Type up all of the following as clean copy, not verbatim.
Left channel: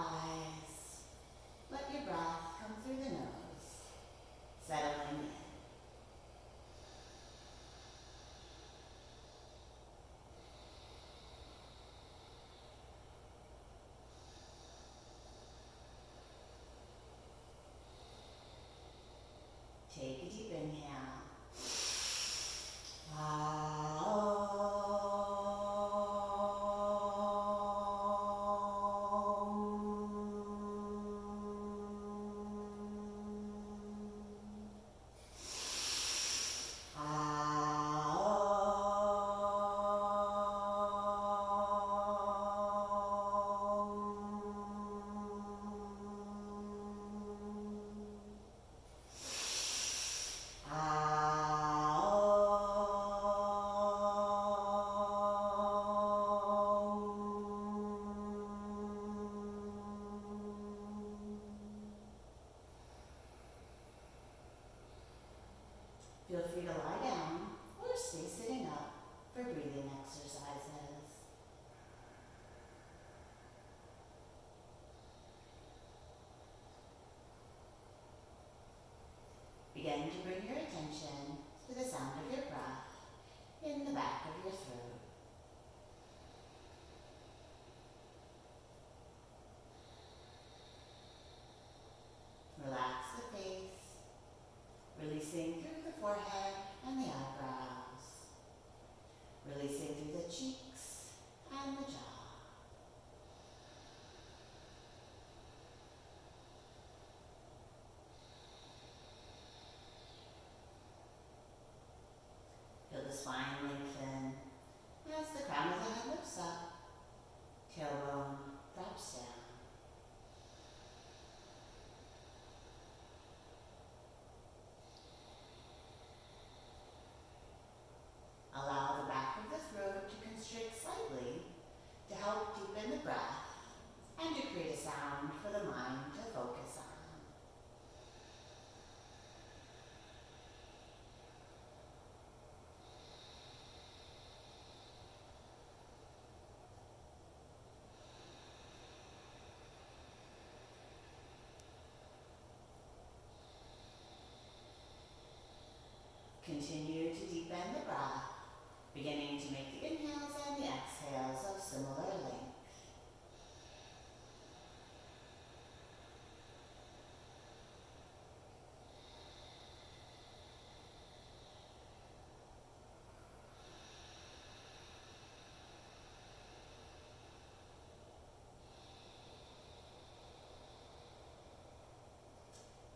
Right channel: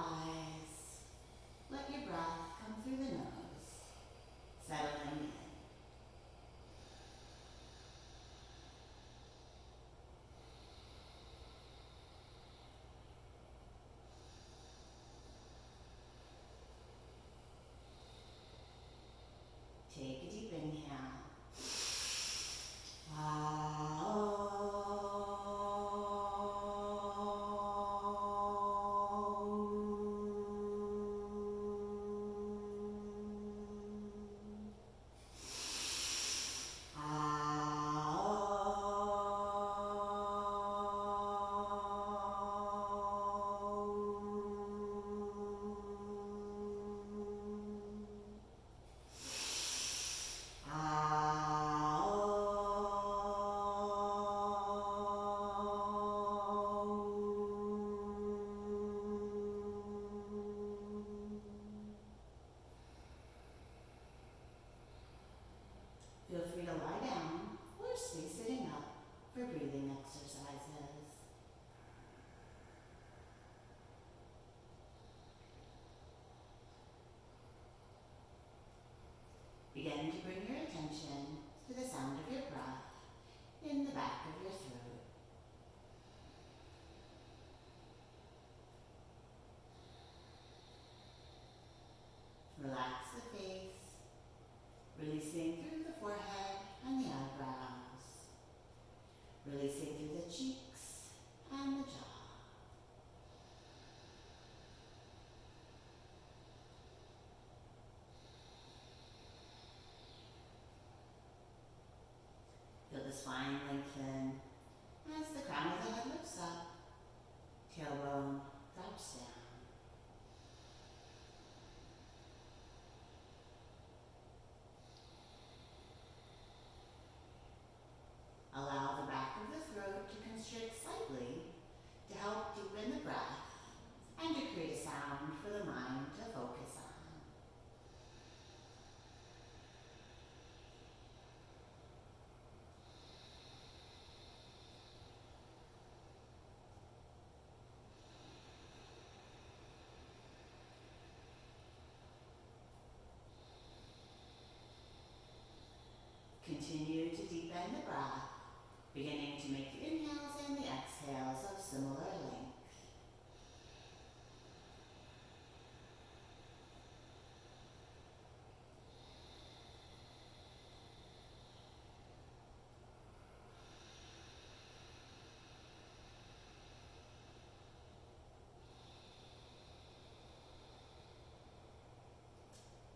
eyes. Let your breath come through the nose, settling in. Take a deep inhale. Feel free to lie down or stay sitting up for breathing exercises. Begin to bring your attention to the sound of your breath in the back of your throat. Relax the face, releasing through the forehead and the eyebrows, releasing through the cheeks and the jaw. Feel the spine lengthen as the crown of the head lifts up, tailbone drops down. Allow the back of the throat to constrict slightly to help deepen the breath and to create a sound for the mind to focus on. Continue to deepen the breath, beginning to make the inhales and the exhales of similar length.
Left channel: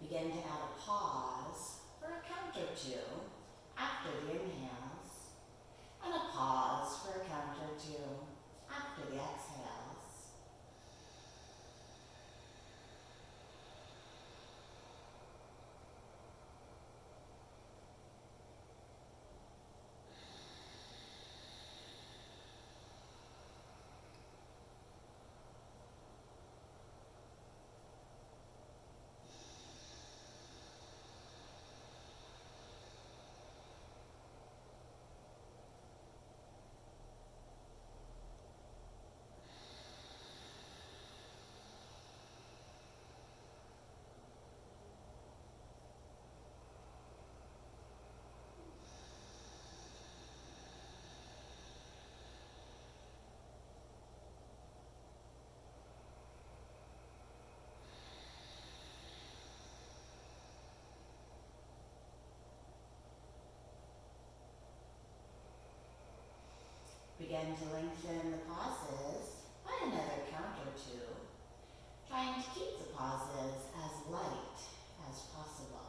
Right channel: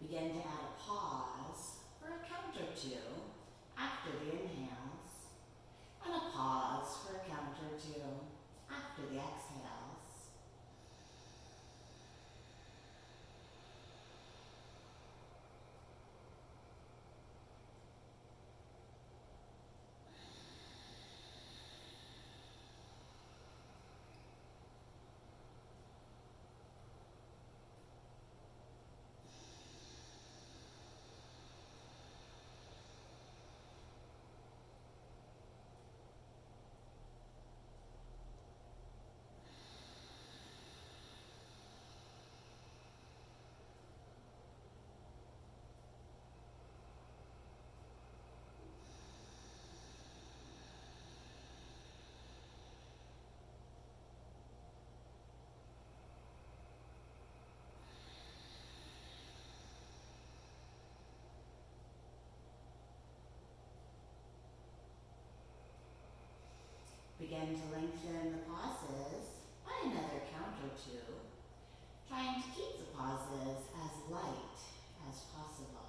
Begin to add a pause for a count or two after the inhales, and a pause for a count or two after the exhales. Begin to lengthen the pauses by another count or two, trying to keep the pauses as light as possible.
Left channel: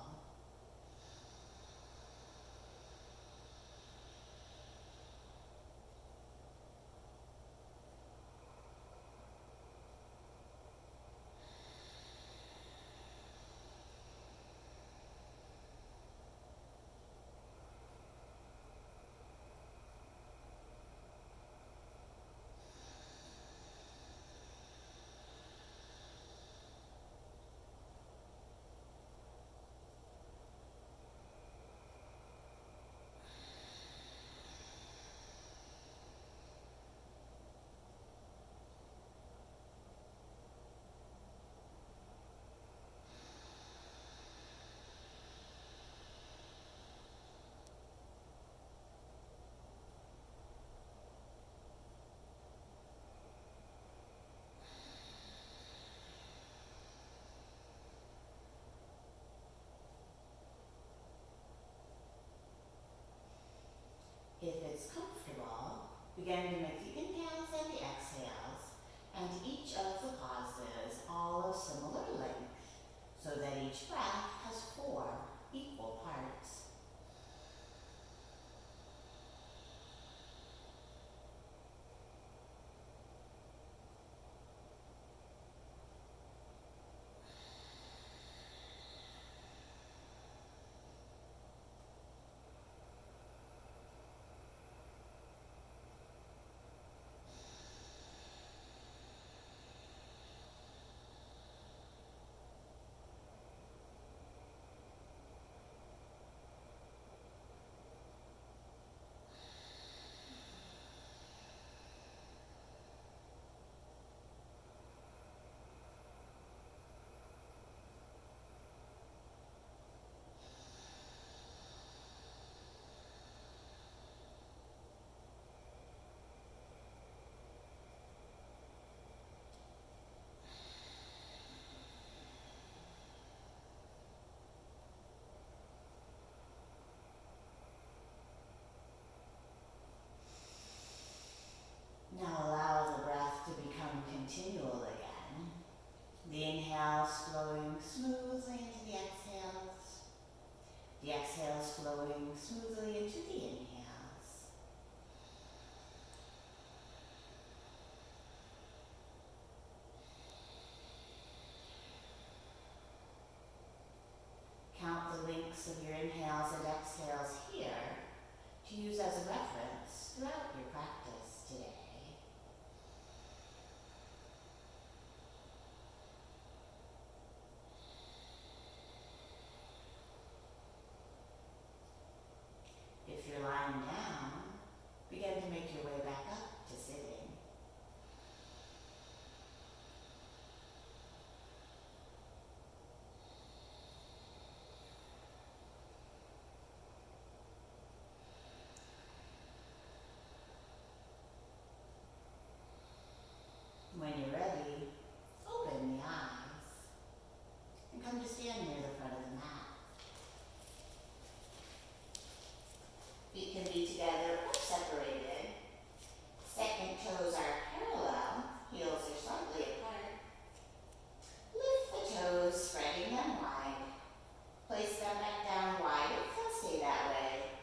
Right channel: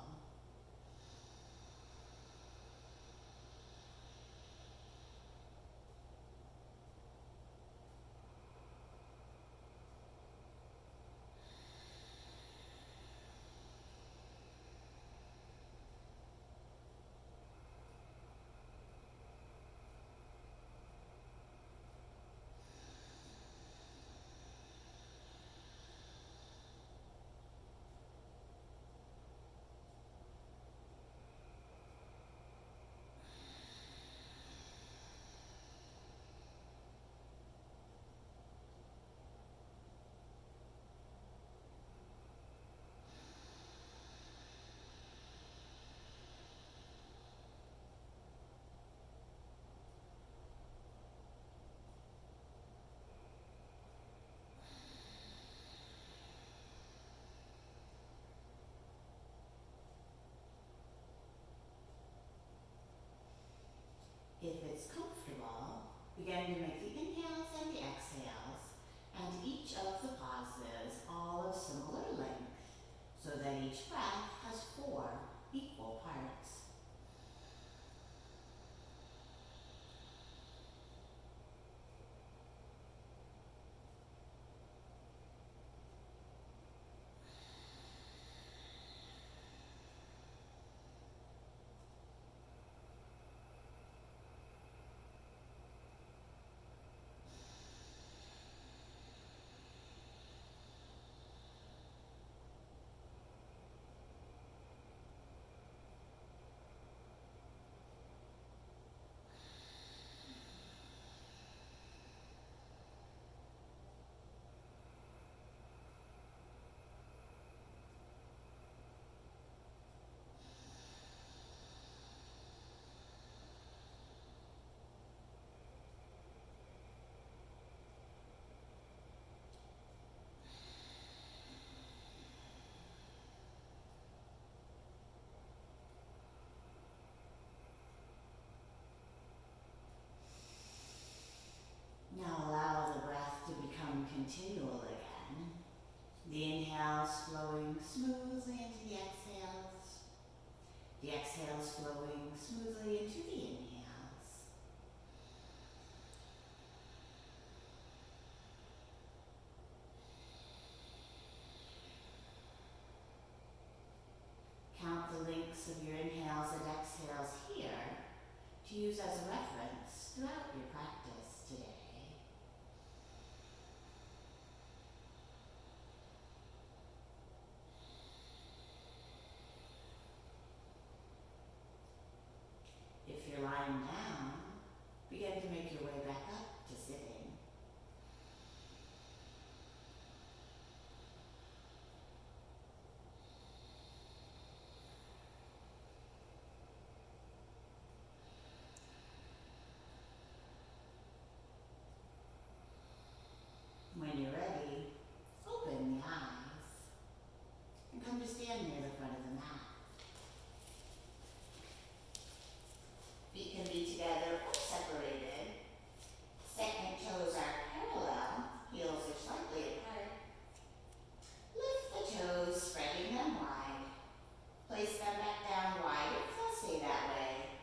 If it's comfortable, begin to make the inhales and the exhales, and each of the pauses all of similar length, so that each breath has 4 equal parts. Now allow the breath to become continual again. The inhales flowing smoothly into the exhales. The exhales flowing smoothly into the inhales. Count the lengths of your inhales and exhales here to use as a reference throughout your practice today. If you're lying down, begin to make your way back up to sitting. When you're ready, open the eyes and come to stand near the front of the mat. Feet can be together or separated. Second toes are parallel, heels are slightly apart. Lift the toes, spreading them wide. Place them back down wide if they'll stay that way.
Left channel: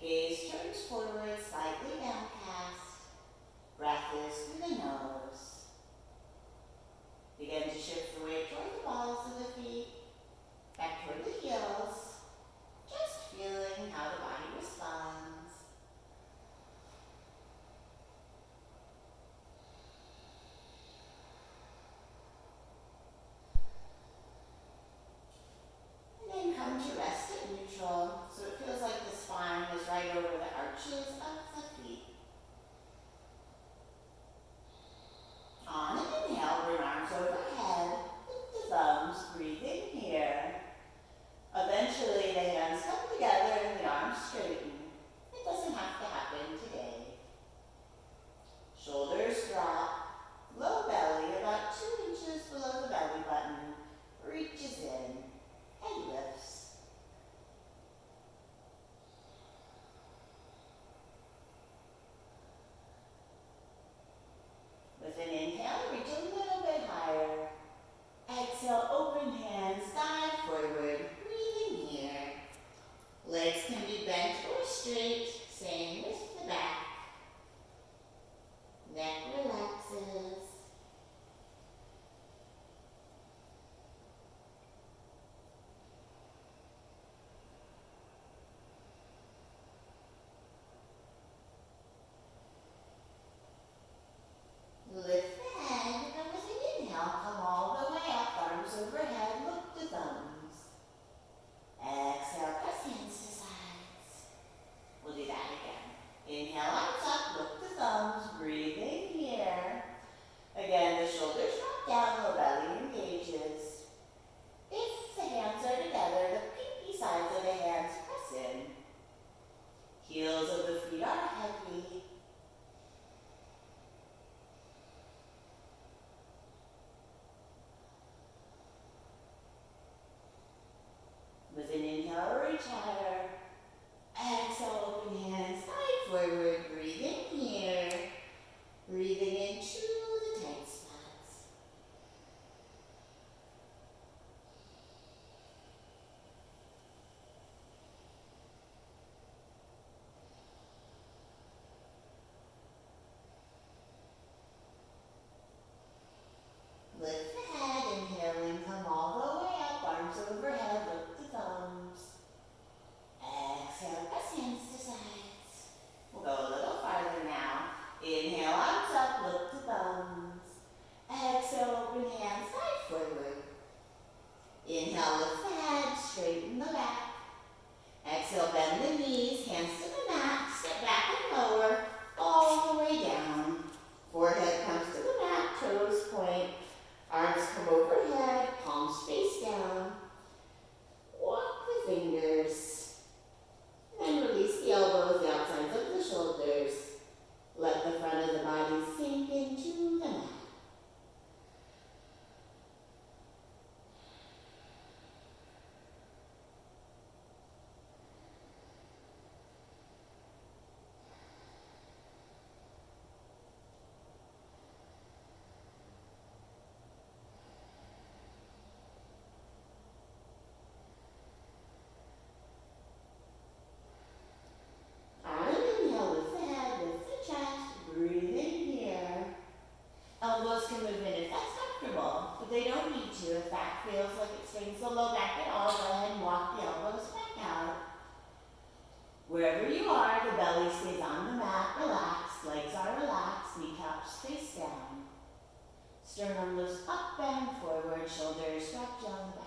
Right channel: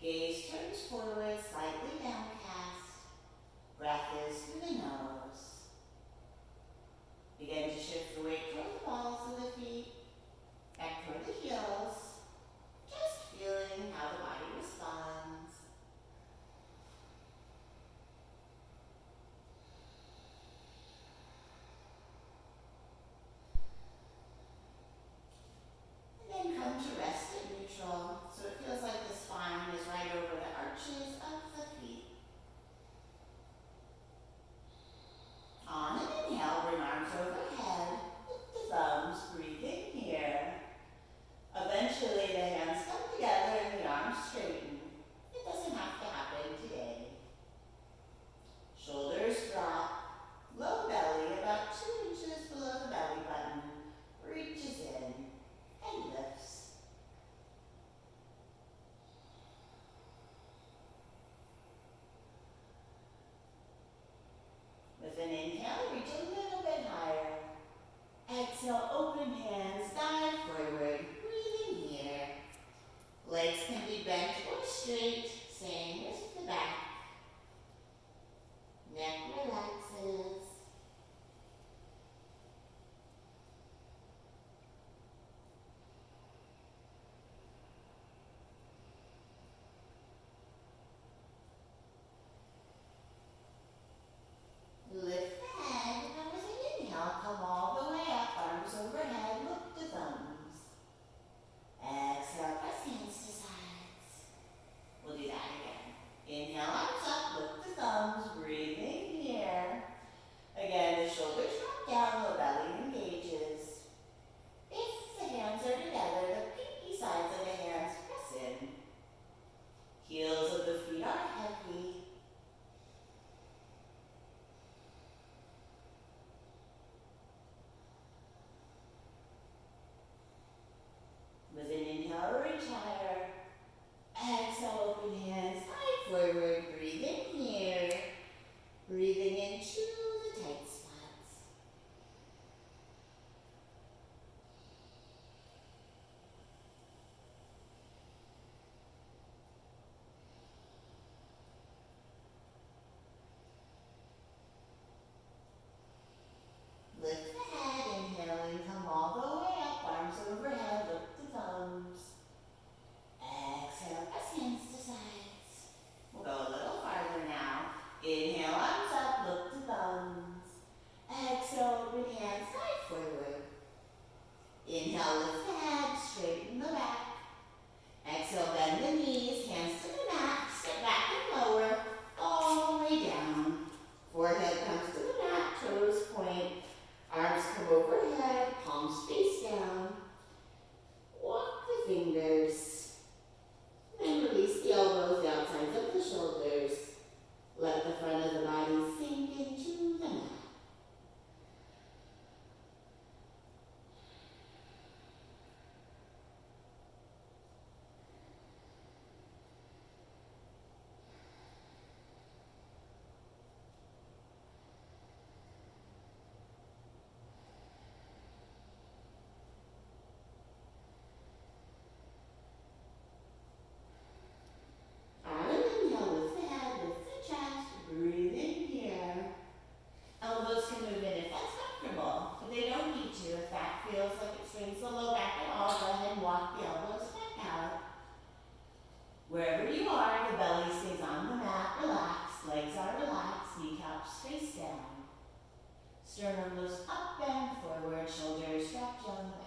Gaze turns forward, slightly downcast. Breath is through the nose. Begin to shift the weight toward the balls of the feet, back toward the heels, just feeling how the body responds. And then come to rest at neutral, so it feels like the spine is right over the arches of the feet. On an inhale, bring arms overhead, lift the thumbs, breathe in here. Eventually the hands come together and the arms straighten. It doesn't have to happen today. Shoulders drop, low belly about 2 inches below the belly button, reaches in, head lifts. With an inhale, reach a little bit higher. Exhale, open hands, dive forward, breathing here. Legs can be bent or straight, same with the back. Neck relaxes. Lift the head, and with an inhale, come all the way up, arms overhead, look to thumbs. Exhale, press hands to sides. We'll do that again. Inhale, arms up, look to thumbs, breathing here. Wherever you are, the belly stays on the mat, relaxed, legs are relaxed, kneecaps face down. Sternum lifts up and forward, shoulders drop down the back.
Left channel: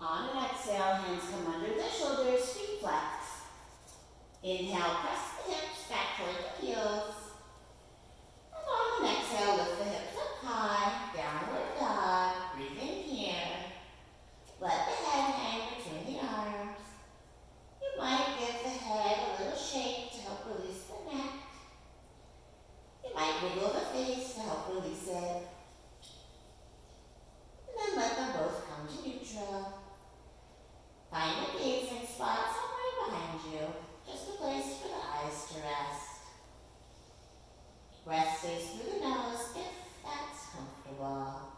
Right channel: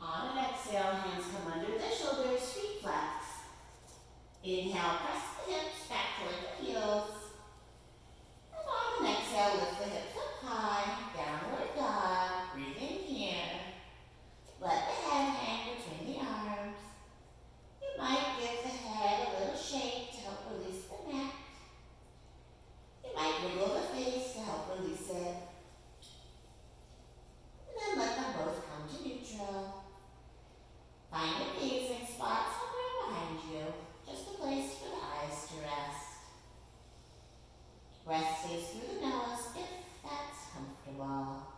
On an exhale, hands come under the shoulders, feet flex. Inhale, press the hips back toward the heels. And on an exhale, lift the hips up high, downward dog, breathe in here. Let the head hang between the arms. You might give the head a little shake to help release the neck. You might wiggle the face to help release it. And then let them both come to neutral. Find a gazing spot somewhere behind you, just a place for the eyes to rest. Breath stays through the nose if that's comfortable.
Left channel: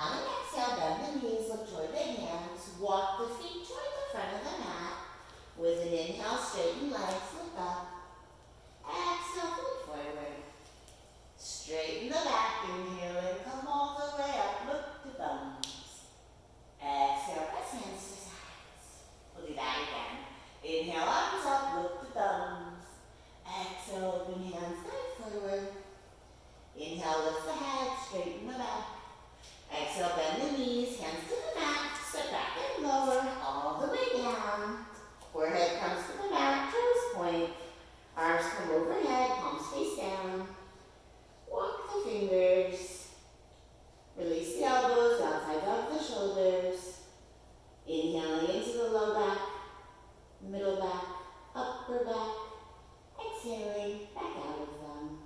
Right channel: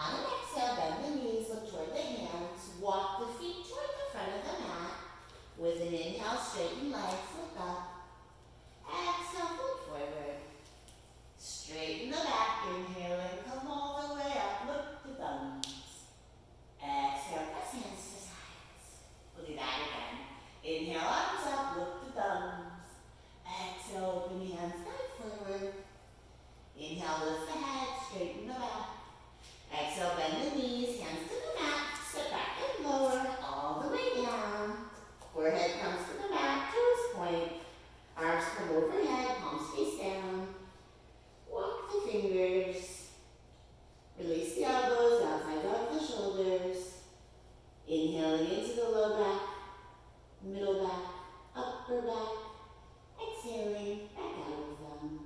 On an exhale, bend the knees, look toward the hands, walk the feet toward the front of the mat. With an inhale, straighten legs, look up. Exhale, fold forward. Straighten the back, inhale and come all the way up, look to thumbs. Exhale, press hands to sides. We'll do that again. Inhale, arms up, look to thumbs. Exhale, open hands, guide forward. Inhale, lift the head, straighten the back. Exhale, bend the knees, hands to the mat, step back and lower, all the way down. Forehead comes to the mat, toes point. Arms come overhead, palms face down. Walk the fingers. Release the elbows, outside of the shoulders. Inhaling into the low back, middle back, upper back. Exhaling, back out of them.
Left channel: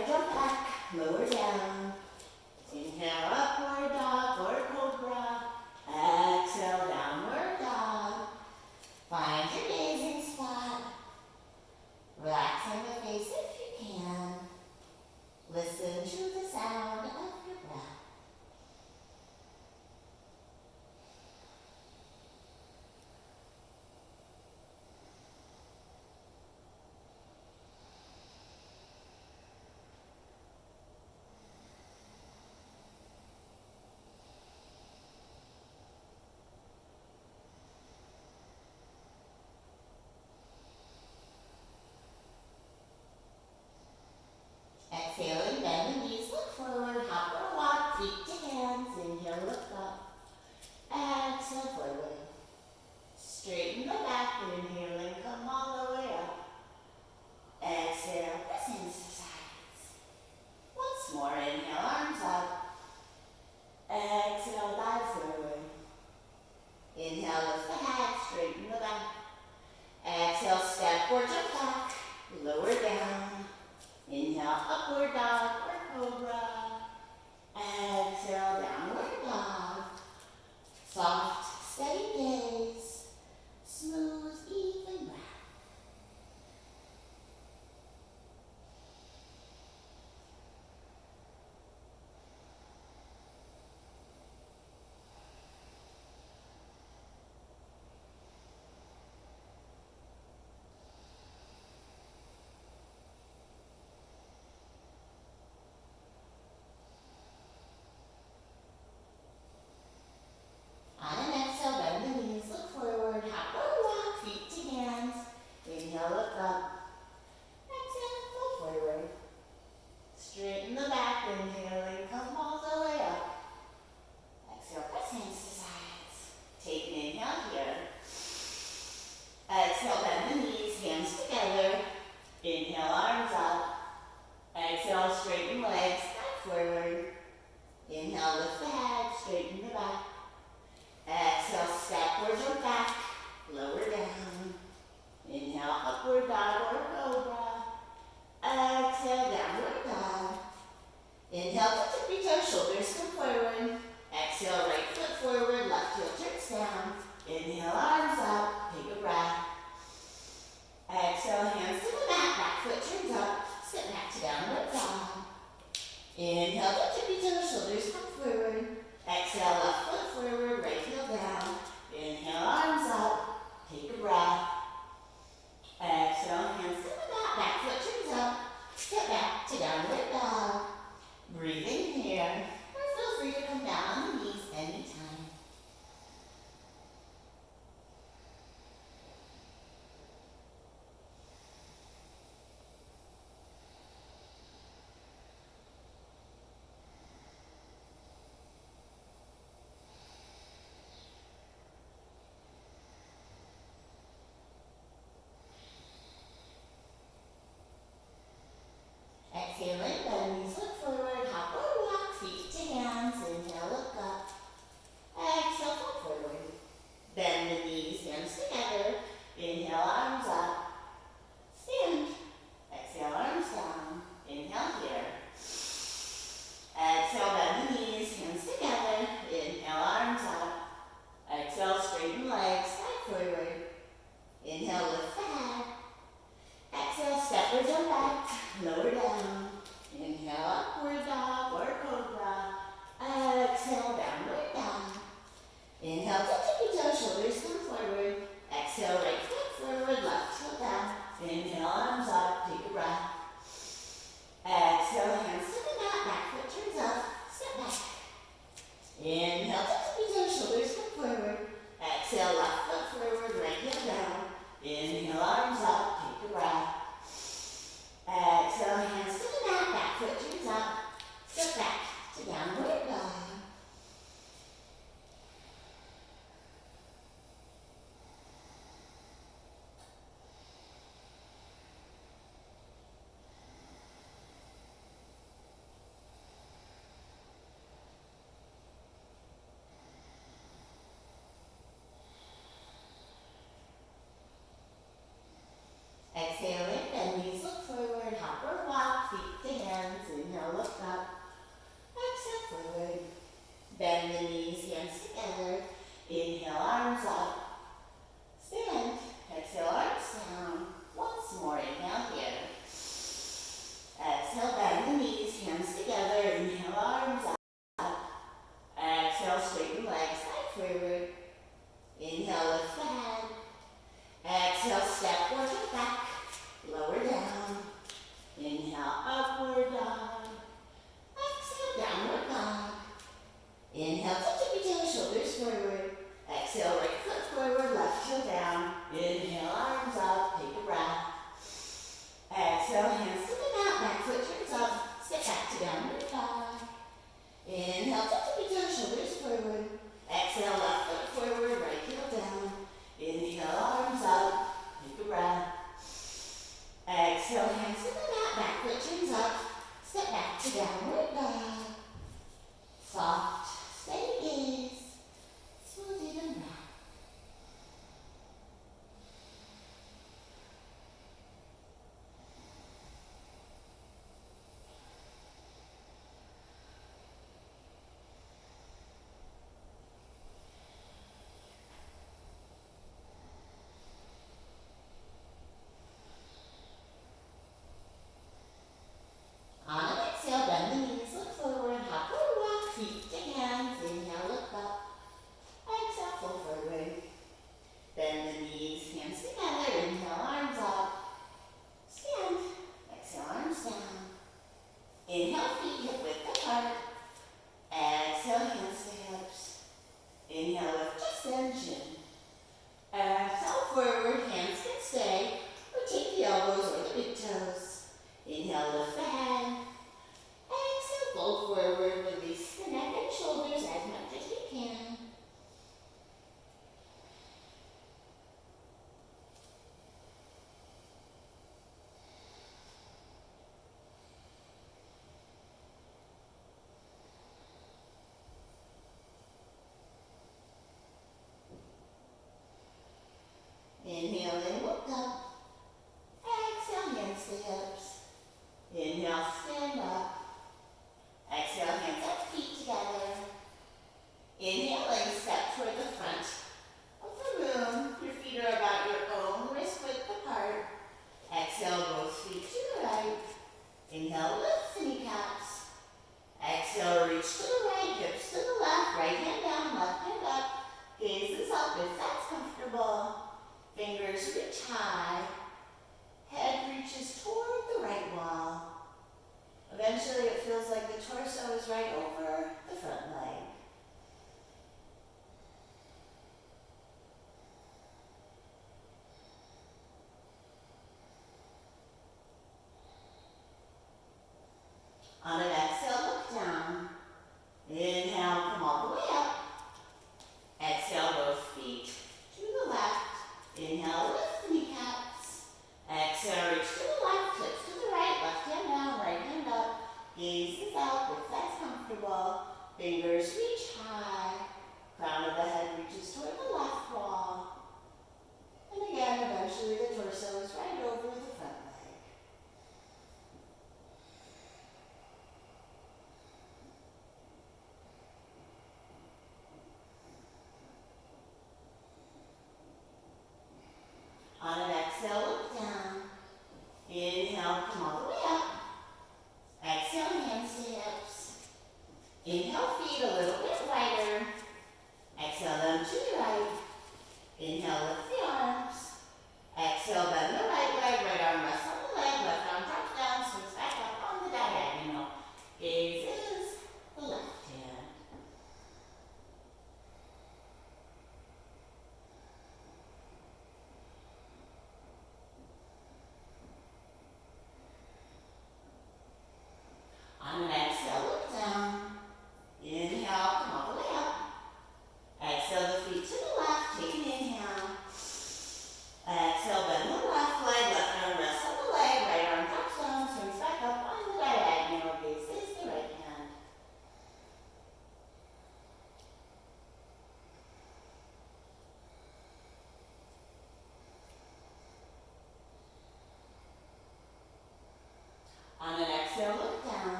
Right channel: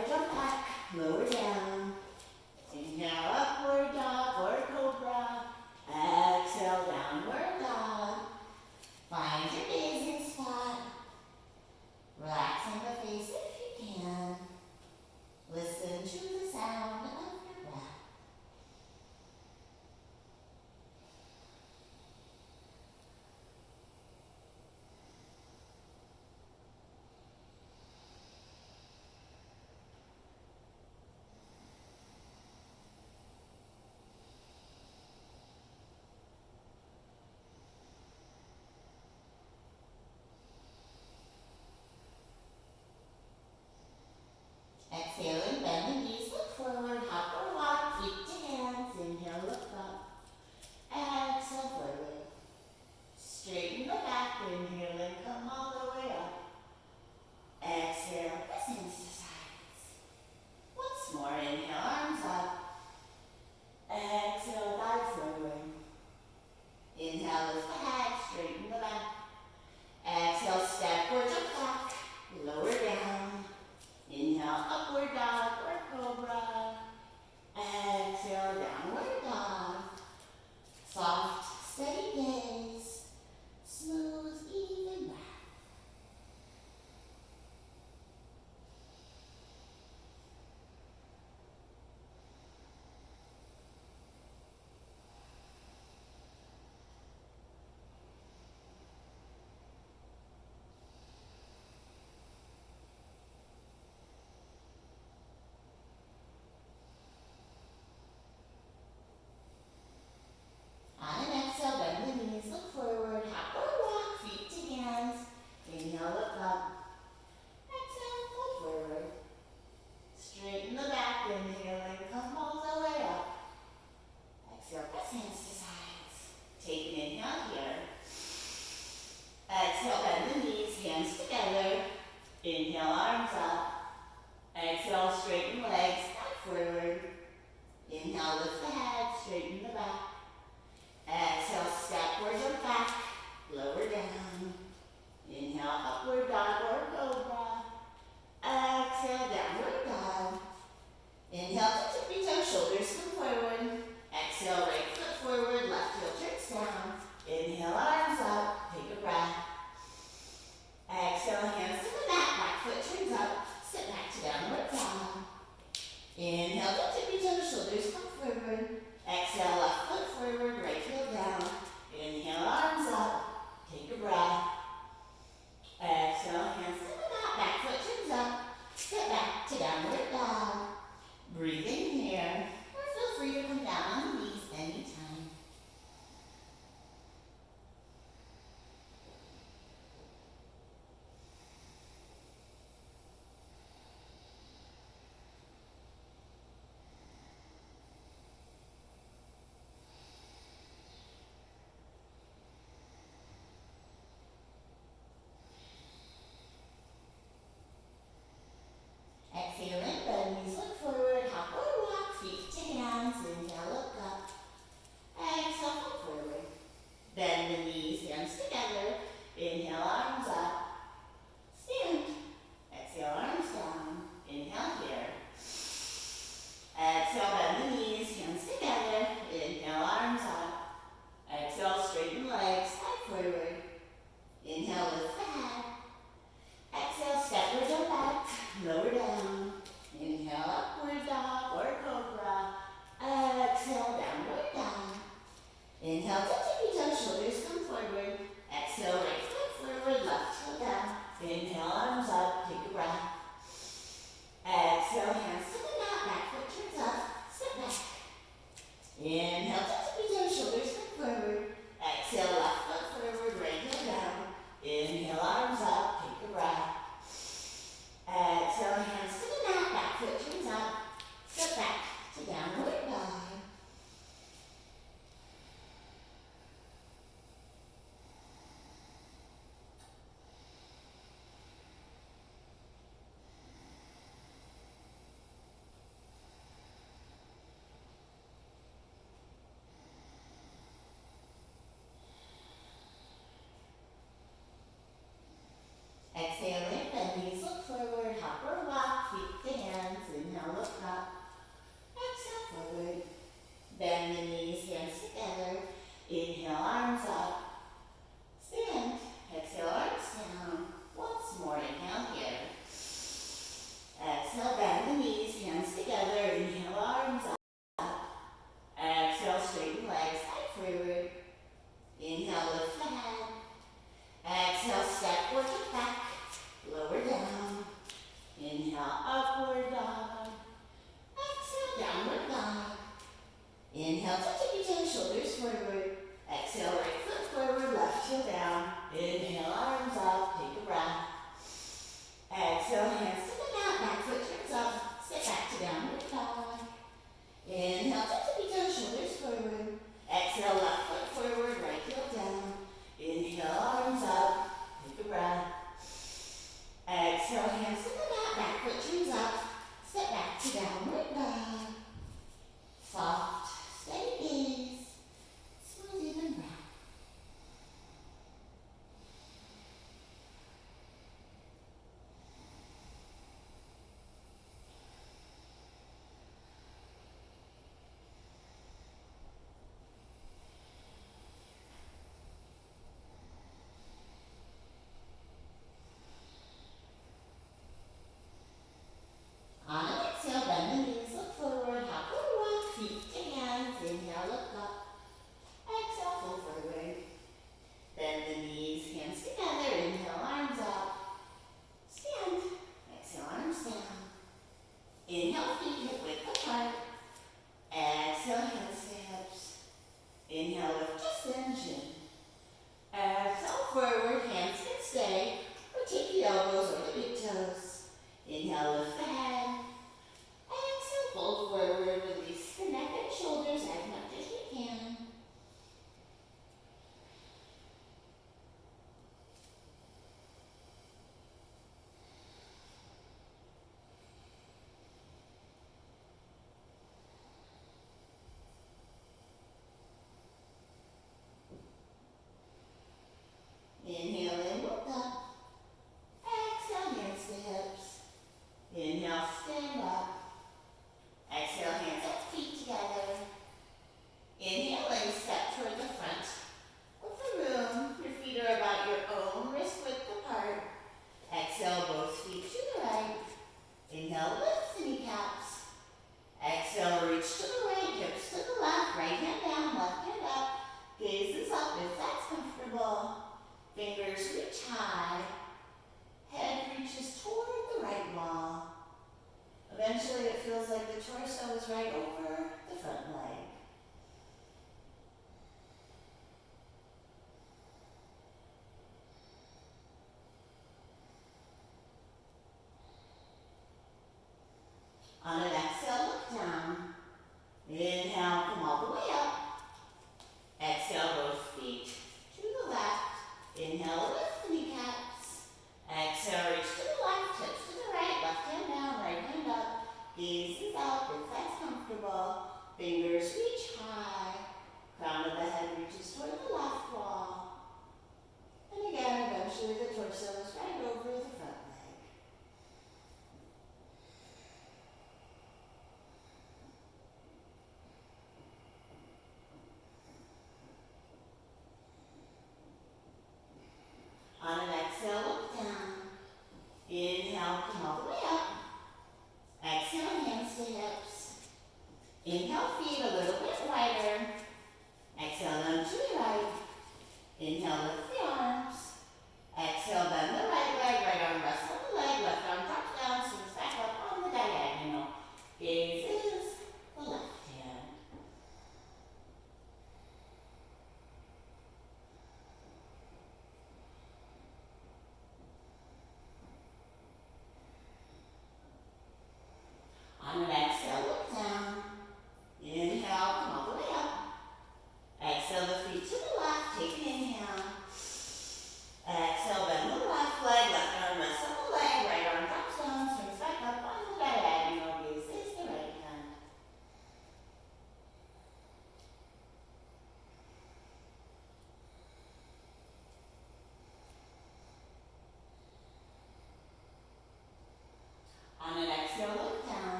or jump back, lower down. Inhale, upward dog or cobra. Exhale, downward dog. Find your gazing spot. Relaxing the face if you can. Listen to the sound of your breath. Exhaling, bend the knees, look forward, hop or walk, feet to hands. Inhale, look up. Exhale, forward. Straighten the back, inhaling, come all the way up. Exhale, press hands to sides. Once more, inhale, arms up. Exhale, dive forward. Inhale, lift the head, straighten the back. Exhale, step or jump back, lower down. Inhale, upward dog or cobra. Exhale, downward dog. Soft, steady gaze. Smooth, even breath. On an exhale, bend the knees, look forward, hop or walk, feet to hands. Inhale, look up. Exhale, fold forward. Straighten the back, inhaling, come all the way up. Exhale, press hands to sides. Take an inhale here. Exhale, bend the knees, hands together. Inhale, arms up. Exhale, straighten legs, back forward. Inhale, lift the head, straighten the back. Exhale, step or jump back, lower down. Inhale, upward dog or cobra. Exhale, downward dog. Inhale, to tippy toe, shoulders come forward. Exhale, right foot forward, left heel turns down. Inhale, arms up, take a breath. Exhale, hands to the back foot turns up. Step back to downward dog. Inhale, to tippy toe, shoulders come forward. Exhale, left foot forward, right heel down. Inhale, arms up, take a breath. Exhale, hands to the back foot turns up. Step back to downward dog. Breathing here, or feel free to come down on the knees anytime. Exhaling, bend knees, look forward, hop or walk, feet to hands. Inhale, look up. Exhale, fold forward. Bend the knees, hands together. Inhale, arms up. Stand. Exhale, arms down. Inhale here. Exhale, bend the knees, hands together. Inhale, arms up. Exhale, straighten legs, side forward. Inhale, lift the head. Exhale, step or jump back, lower down. Inhale, upward dog or cobra. Exhale, downward dog. Inhale, tippy toe, shoulders come forward. Exhale, right foot forward, left heel down. Inhale, arms up, take a breath. Exhale, hands to the back foot turns up. Step back. Inhale, tippy toe, shoulders come forward. Exhale, left foot forward, right heel down. Inhale, arms up, take a breath. Exhale, hands to the back foot turns up. Step back to downward dog. Exhaling, bend knees, look forward, hop or walk, feet to hands. Bend the knees, hands together. Inhale, arms up. Stand. Exhale, arms down. Once more, inhale here. Exhale, bend the knees, hands together. Inhale, arms up. Exhale, straighten legs, side forward. Inhale, lift the head. Exhale, step or kick back. Lower down. Inhale, upward dog. Exhale, downward dog. Inhale, tippy toes, shoulders forward. Exhale, right foot forward, left heel down. Inhale, arms up, take a breath. Exhale, hands to the mat, back foot turns up. Step back to downward dog. Inhale, tippy toes, shoulders forward. Exhale, left foot forward, right heel down. Inhale, arms up, take a breath. Exhale, hands to the mat, back foot turns up. Step back to downward dog. Soft, steady gaze. Smooth, even breath. On an exhale, bend the knees, look forward, hop or walk, feet to hands. Inhale, look up. Exhale, fold forward. Bend the knees, hands together. Inhale, arms up. Stand. Exhale, arms down. Inhale, feet hip width apart. Exhale, hands to hips. Inhale, lift extension. Exhale, forward, hands can stay. Rotate the elbows or the big toes. Inhale, lift the head. Exhale, fold forward, release the neck and shoulders as much as you can. Inhale in, look up. Exhale, hands to hips. Inhale, stand up. Exhale, hands up, feet together. Inhale and step toward the front of the room. Your feet are about your own wrist width apart. Exhale, both feet to the right. Inhale, lift the kneecaps. Exhale, reach to the right, hips to the left. Right hand down, left hand up. Gaze is up if that's comfortable. Fingers reach high. Head reaches toward the right wall. Eventually it feels like the torso is right over the front leg. On an exhale, look down. Inhale, come all the way up. Exhale, both feet to the left. Inhale, lift the kneecaps. Exhale, reach to the left, hips to the right, left hand down, right hand up. Gaze is out if that's comfortable. Fingers reach high. Crown of the head reaches toward the left wall. And again, eventually the torso is right over the front leg. On an exhale, look down. Inhale, come all the way up. Exhale, hands to hips. Inhale, feet a little bit wider. Exhale, them to the right. Inhale, lift the arms. Exhale, bend the right leg, right arm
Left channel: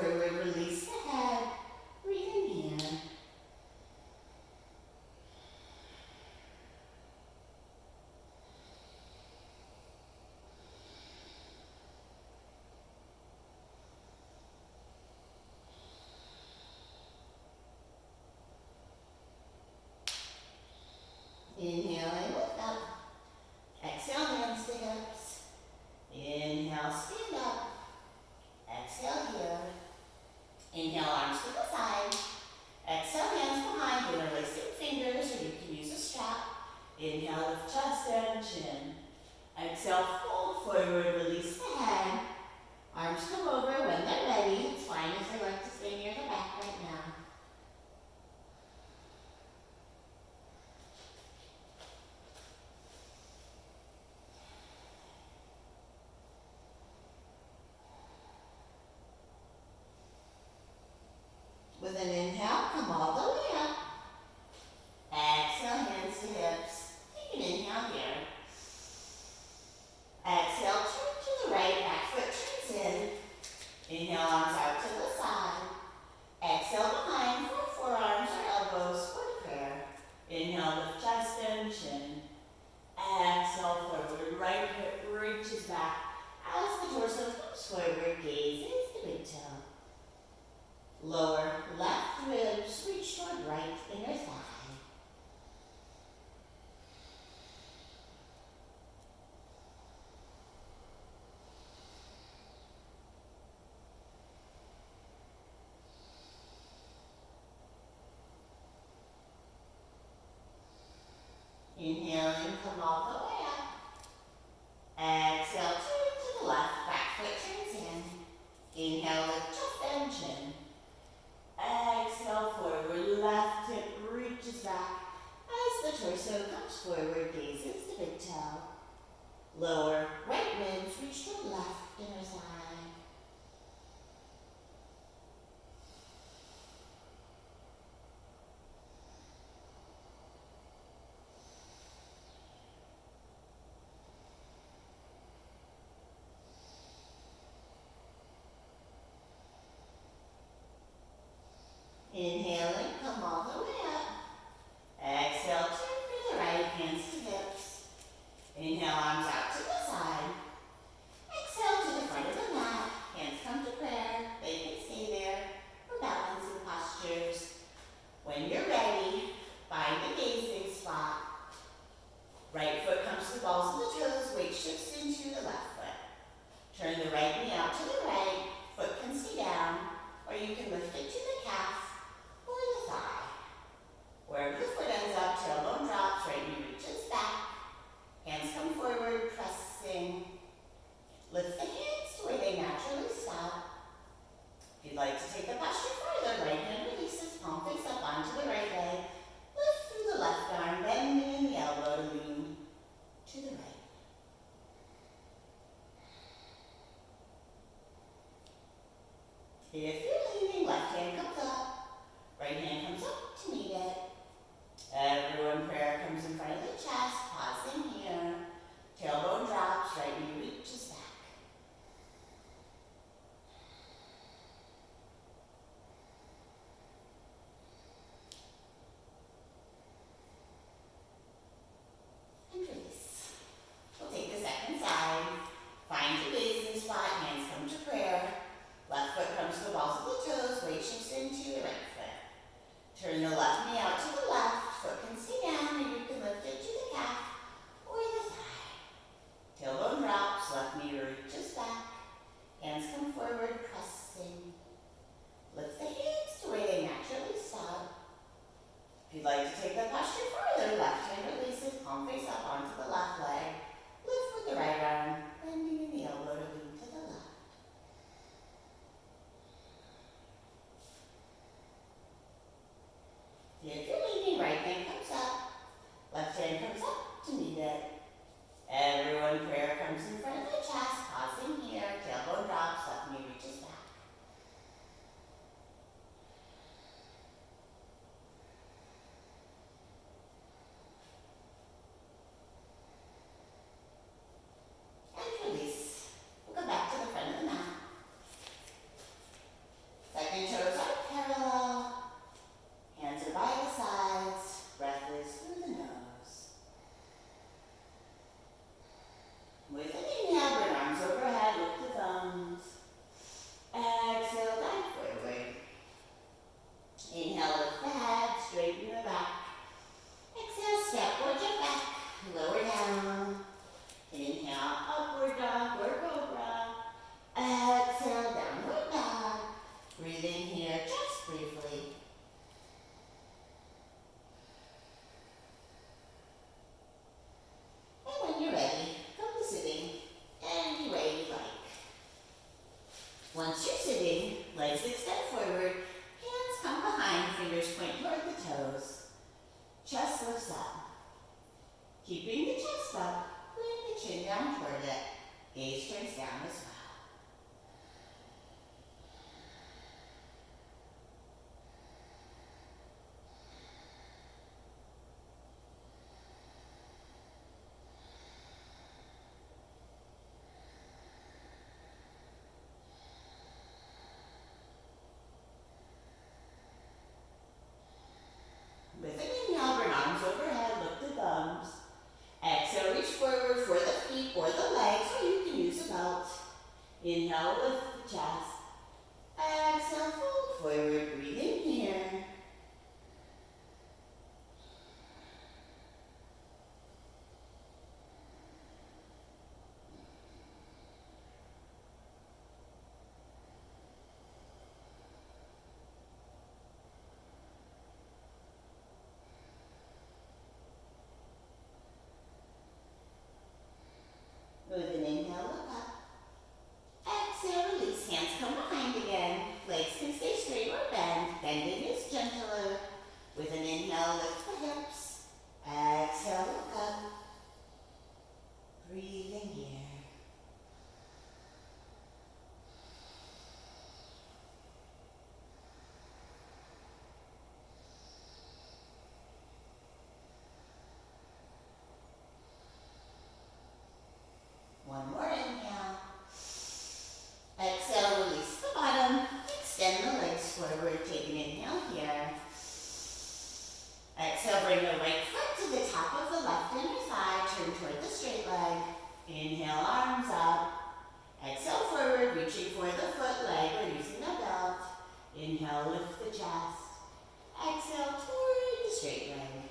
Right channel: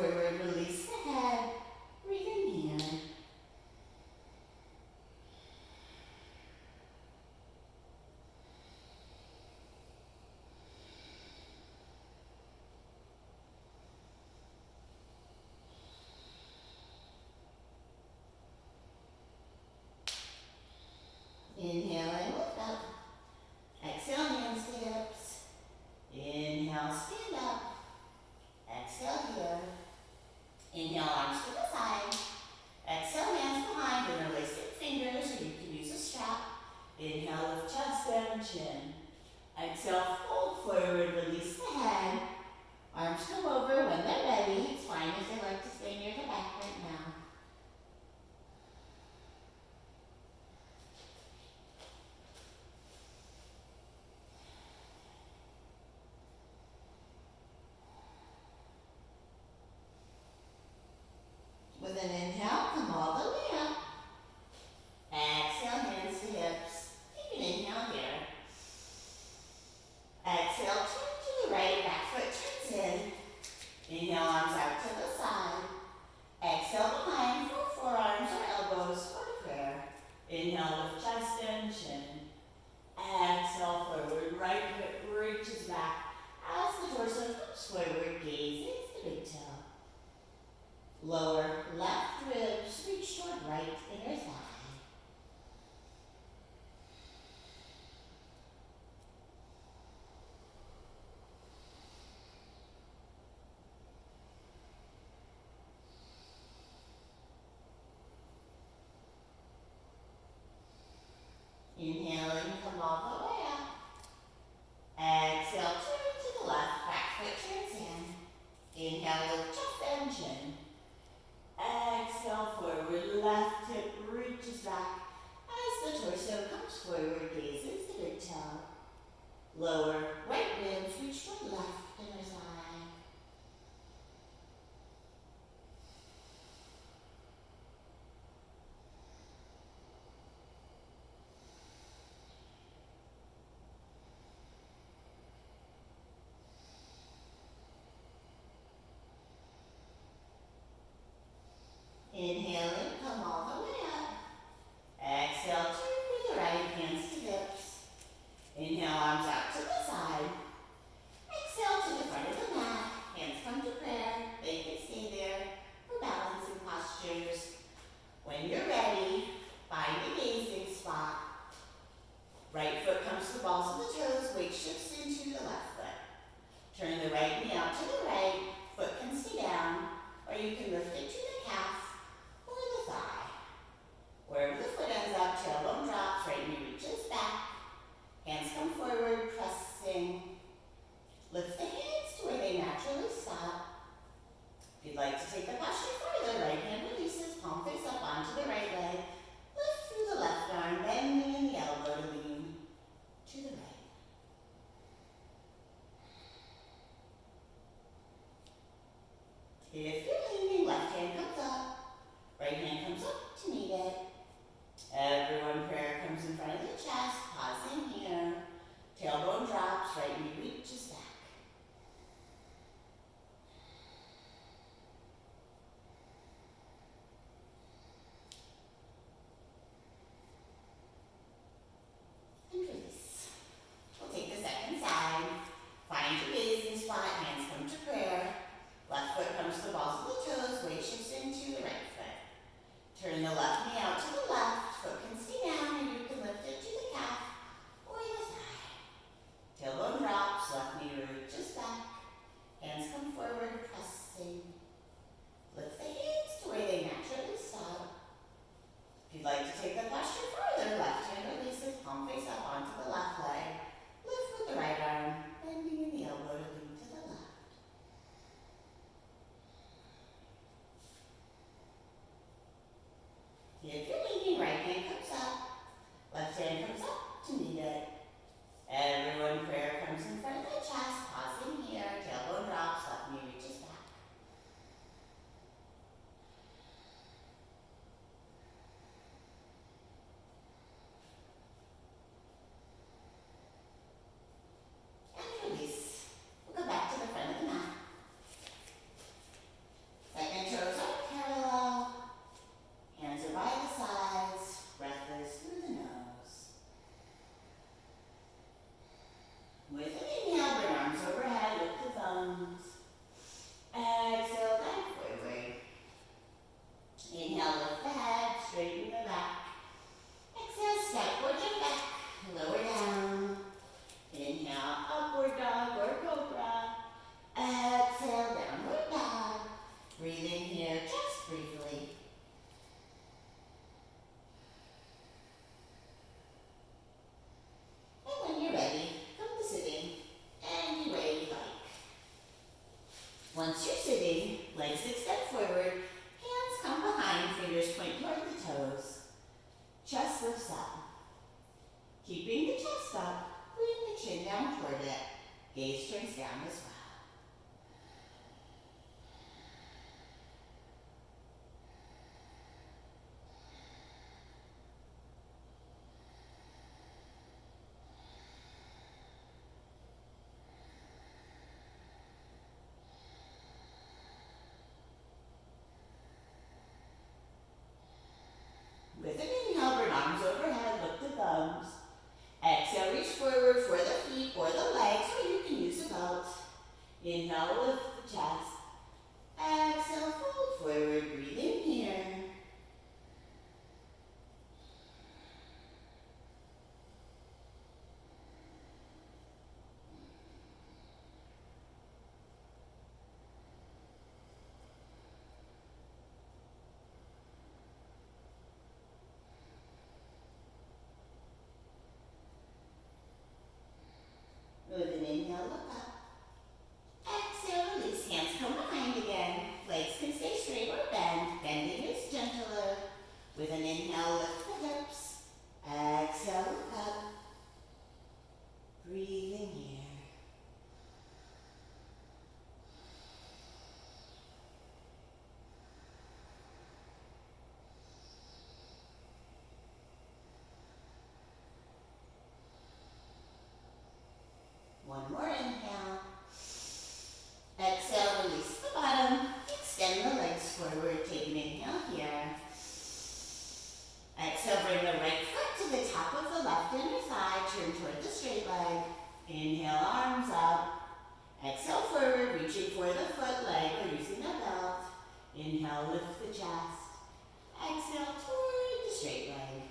forward, release the head. Breathe in here. Inhale and lift up. Exhale, hands to hips. Inhale, stand up. Exhale here. Inhale, arms to the side. Exhale, hands behind, interlacing fingers, or you can use a strap. Inhale, lift chest and chin. Exhale, fold forward, release the head. Arms come over when they're ready. It's fine if you like to stay near the back right now. With an inhale, come all the way up. Exhale, hands to hips. Take an inhale here. Exhale, turn to the right, back foot turns in. Inhale, arms out to the side. Exhale, behind for forearms or elbows or prayer. Inhale, lift chest and chin. Exhale, forward, right hip reaches back as the torso comes forward, gaze is the big toe. Lower left ribs reach toward right inner thigh. Inhaling, come all the way up. Exhale, turn to the left, back foot turns in. Inhale, lift chest and chin. Exhale, forward, left hip reaches back as the torso comes forward, gazes the big toe. Lower right ribs reach toward left inner thigh. Inhaling, come all the way up. Exhale, turn to the right, hands to hips. Inhale, arms out to the side. Exhale to the front of the mat. Hands come to prayer. They can stay there for balancing postures. When you're ready, find a gazing spot. Right foot comes to the balls of the toes, weight shifts into the left foot. Turn the right knee out to the right. Foot can stay down, or you can lift it to the calf or the thigh. Wherever the foot ends up, tailbone drops, right knee reaches back. Hands come forward, pressing. Lift the hands to where they naturally stop. If you'd like to take the posture further, right hand releases, palm face up onto the right leg. Lift through the left arm, bending in the elbow to lean to the right. If you're leaning, left hand comes up, right hand comes up to meet it. Everyone, prayer comes in front of the chest, pausing here. Tailbone drops, right knee reaches back. And release. We'll take the second side. Find your gazing spot, hands come to prayer. Left foot comes to the balls of the toes, weight shifts into the right foot. Turn the left knee out to the left, foot can stay down, and you can lift it to the calf or the thigh. Tailbone drops, left knee breathing here just briefly. And when you're ready, come to sitting any way you like. Once you're sitting, legs extend forward, hands come behind, fingers point toward the toes. Chest lifts up. Keeping the chest up, bring the chin down toward it. Gaze turns down as well. With an inhale, bring arms overhead, lift the thumbs. Exhale, reach forward for the feet or the legs, or you can use a belt. Inhale, lift the chest. Exhale, fold forward, breathing here. With an inhale, look up. Exhale, release, hands come behind again. Legs can stay straight or bend. Bending is gentler. With an inhale, lift the hips. Exhale, look up. Breathing here. One more inhale. Exhale, release the bottom. Extend the legs forward. Take an inhale here. Exhale, bring the right foot to the top of the left inner thigh. Turn toward the straight leg. Inhale, arms up. Exhale, forward, reaching for the foot, leg, or using a belt. Inhale, lift the chest. Exhale, toward the straight leg.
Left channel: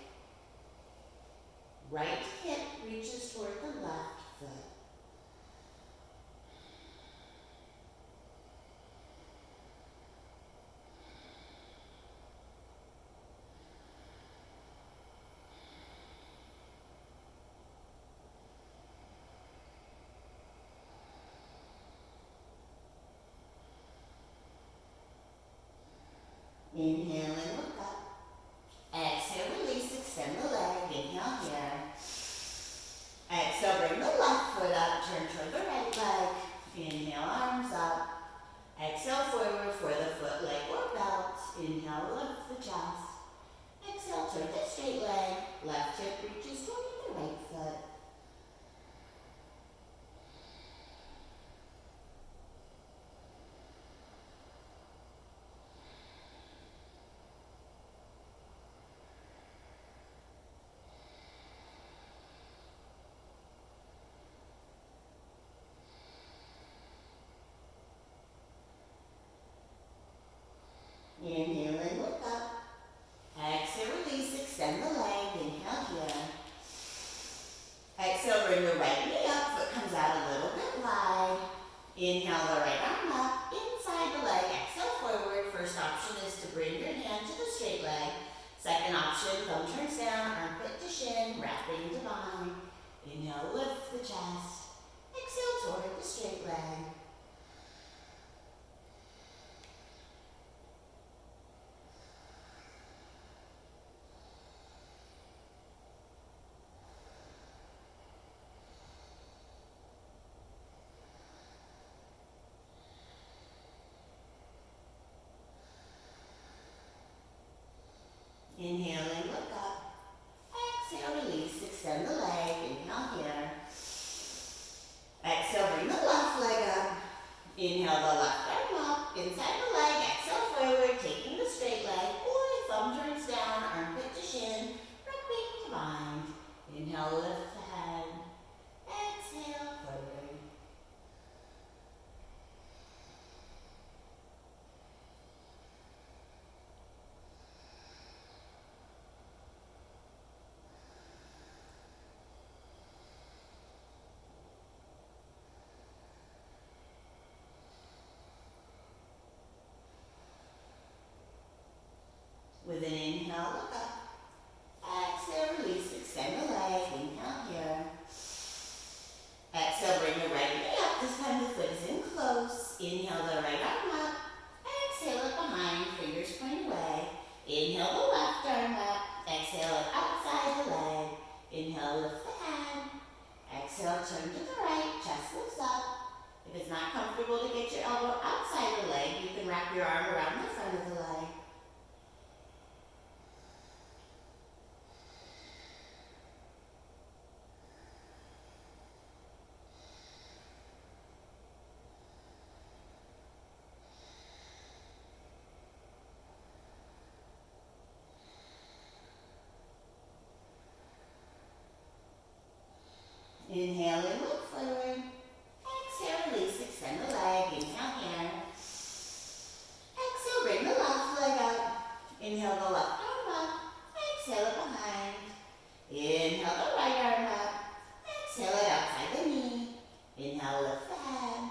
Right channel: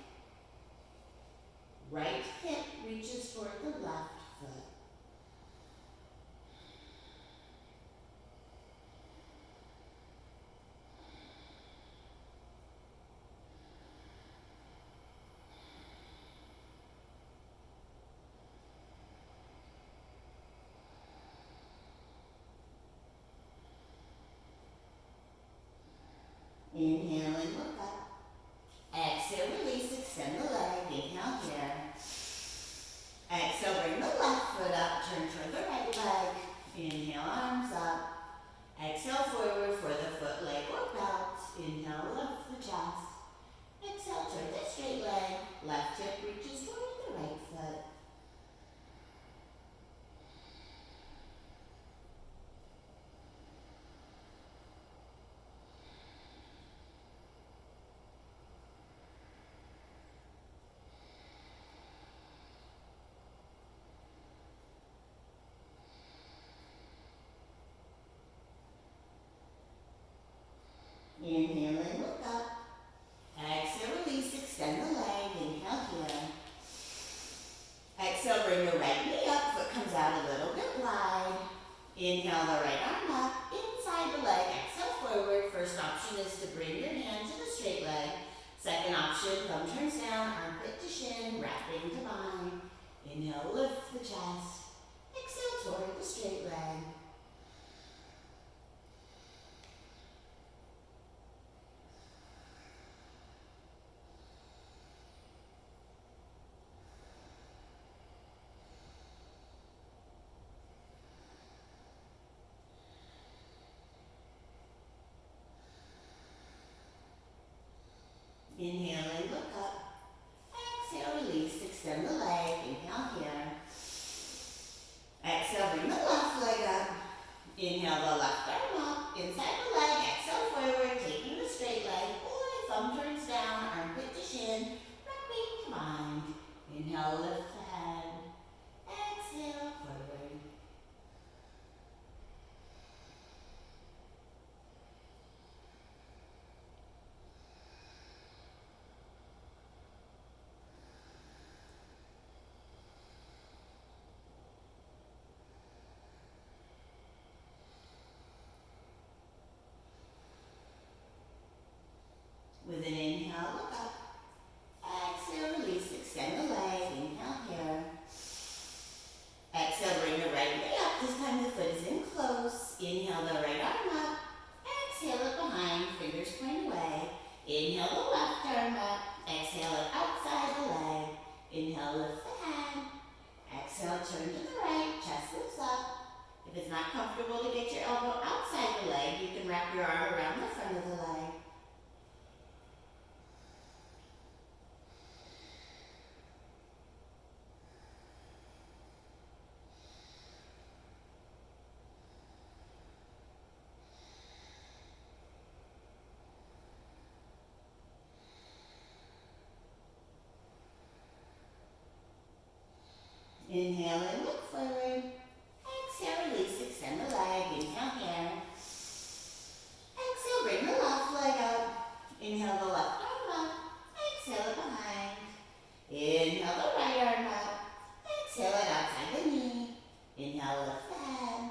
Right hip reaches toward the left foot. Inhale and look up. Exhale, release, extend the leg. Inhale here. Exhale, bring the left foot up, turn toward the right leg. Inhale, arms up. Exhale, forward for the foot, leg, or belt. Inhale, lift the chest. Exhale, turn the straight leg. Left hip reaches toward the right foot. Inhale and look up. Exhale, release, extend the leg. Inhale here. Exhale, bring the right knee up. Foot comes out a little bit wide. Inhale, the right arm up. Inside the leg. Exhale, forward. First option is to bring your hand to the straight leg. Second option, thumb turns down, armpit to shin, wrapping divine. Inhale, lift the chest. Exhale, toward the straight leg. Inhale and look up. Exhale, release, extend the leg. Inhale here. Exhale, bring the left leg up. fingers point away. Inhale the left arm up. Exhale it outside the leg. Inhale, lift the head. Exhale, turn to the right, chest lifts up. If it's not comfortable to get your elbow outside the leg, you can wrap your arm around the front of the leg. Inhale and look forward. Exhale, release, extend the leg. Inhale here. Exhale, bring the left leg out. Inhale the left arm up. Exhale it behind. Inhale the right arm up. Exhale it outside the knee. Inhale, lift the head.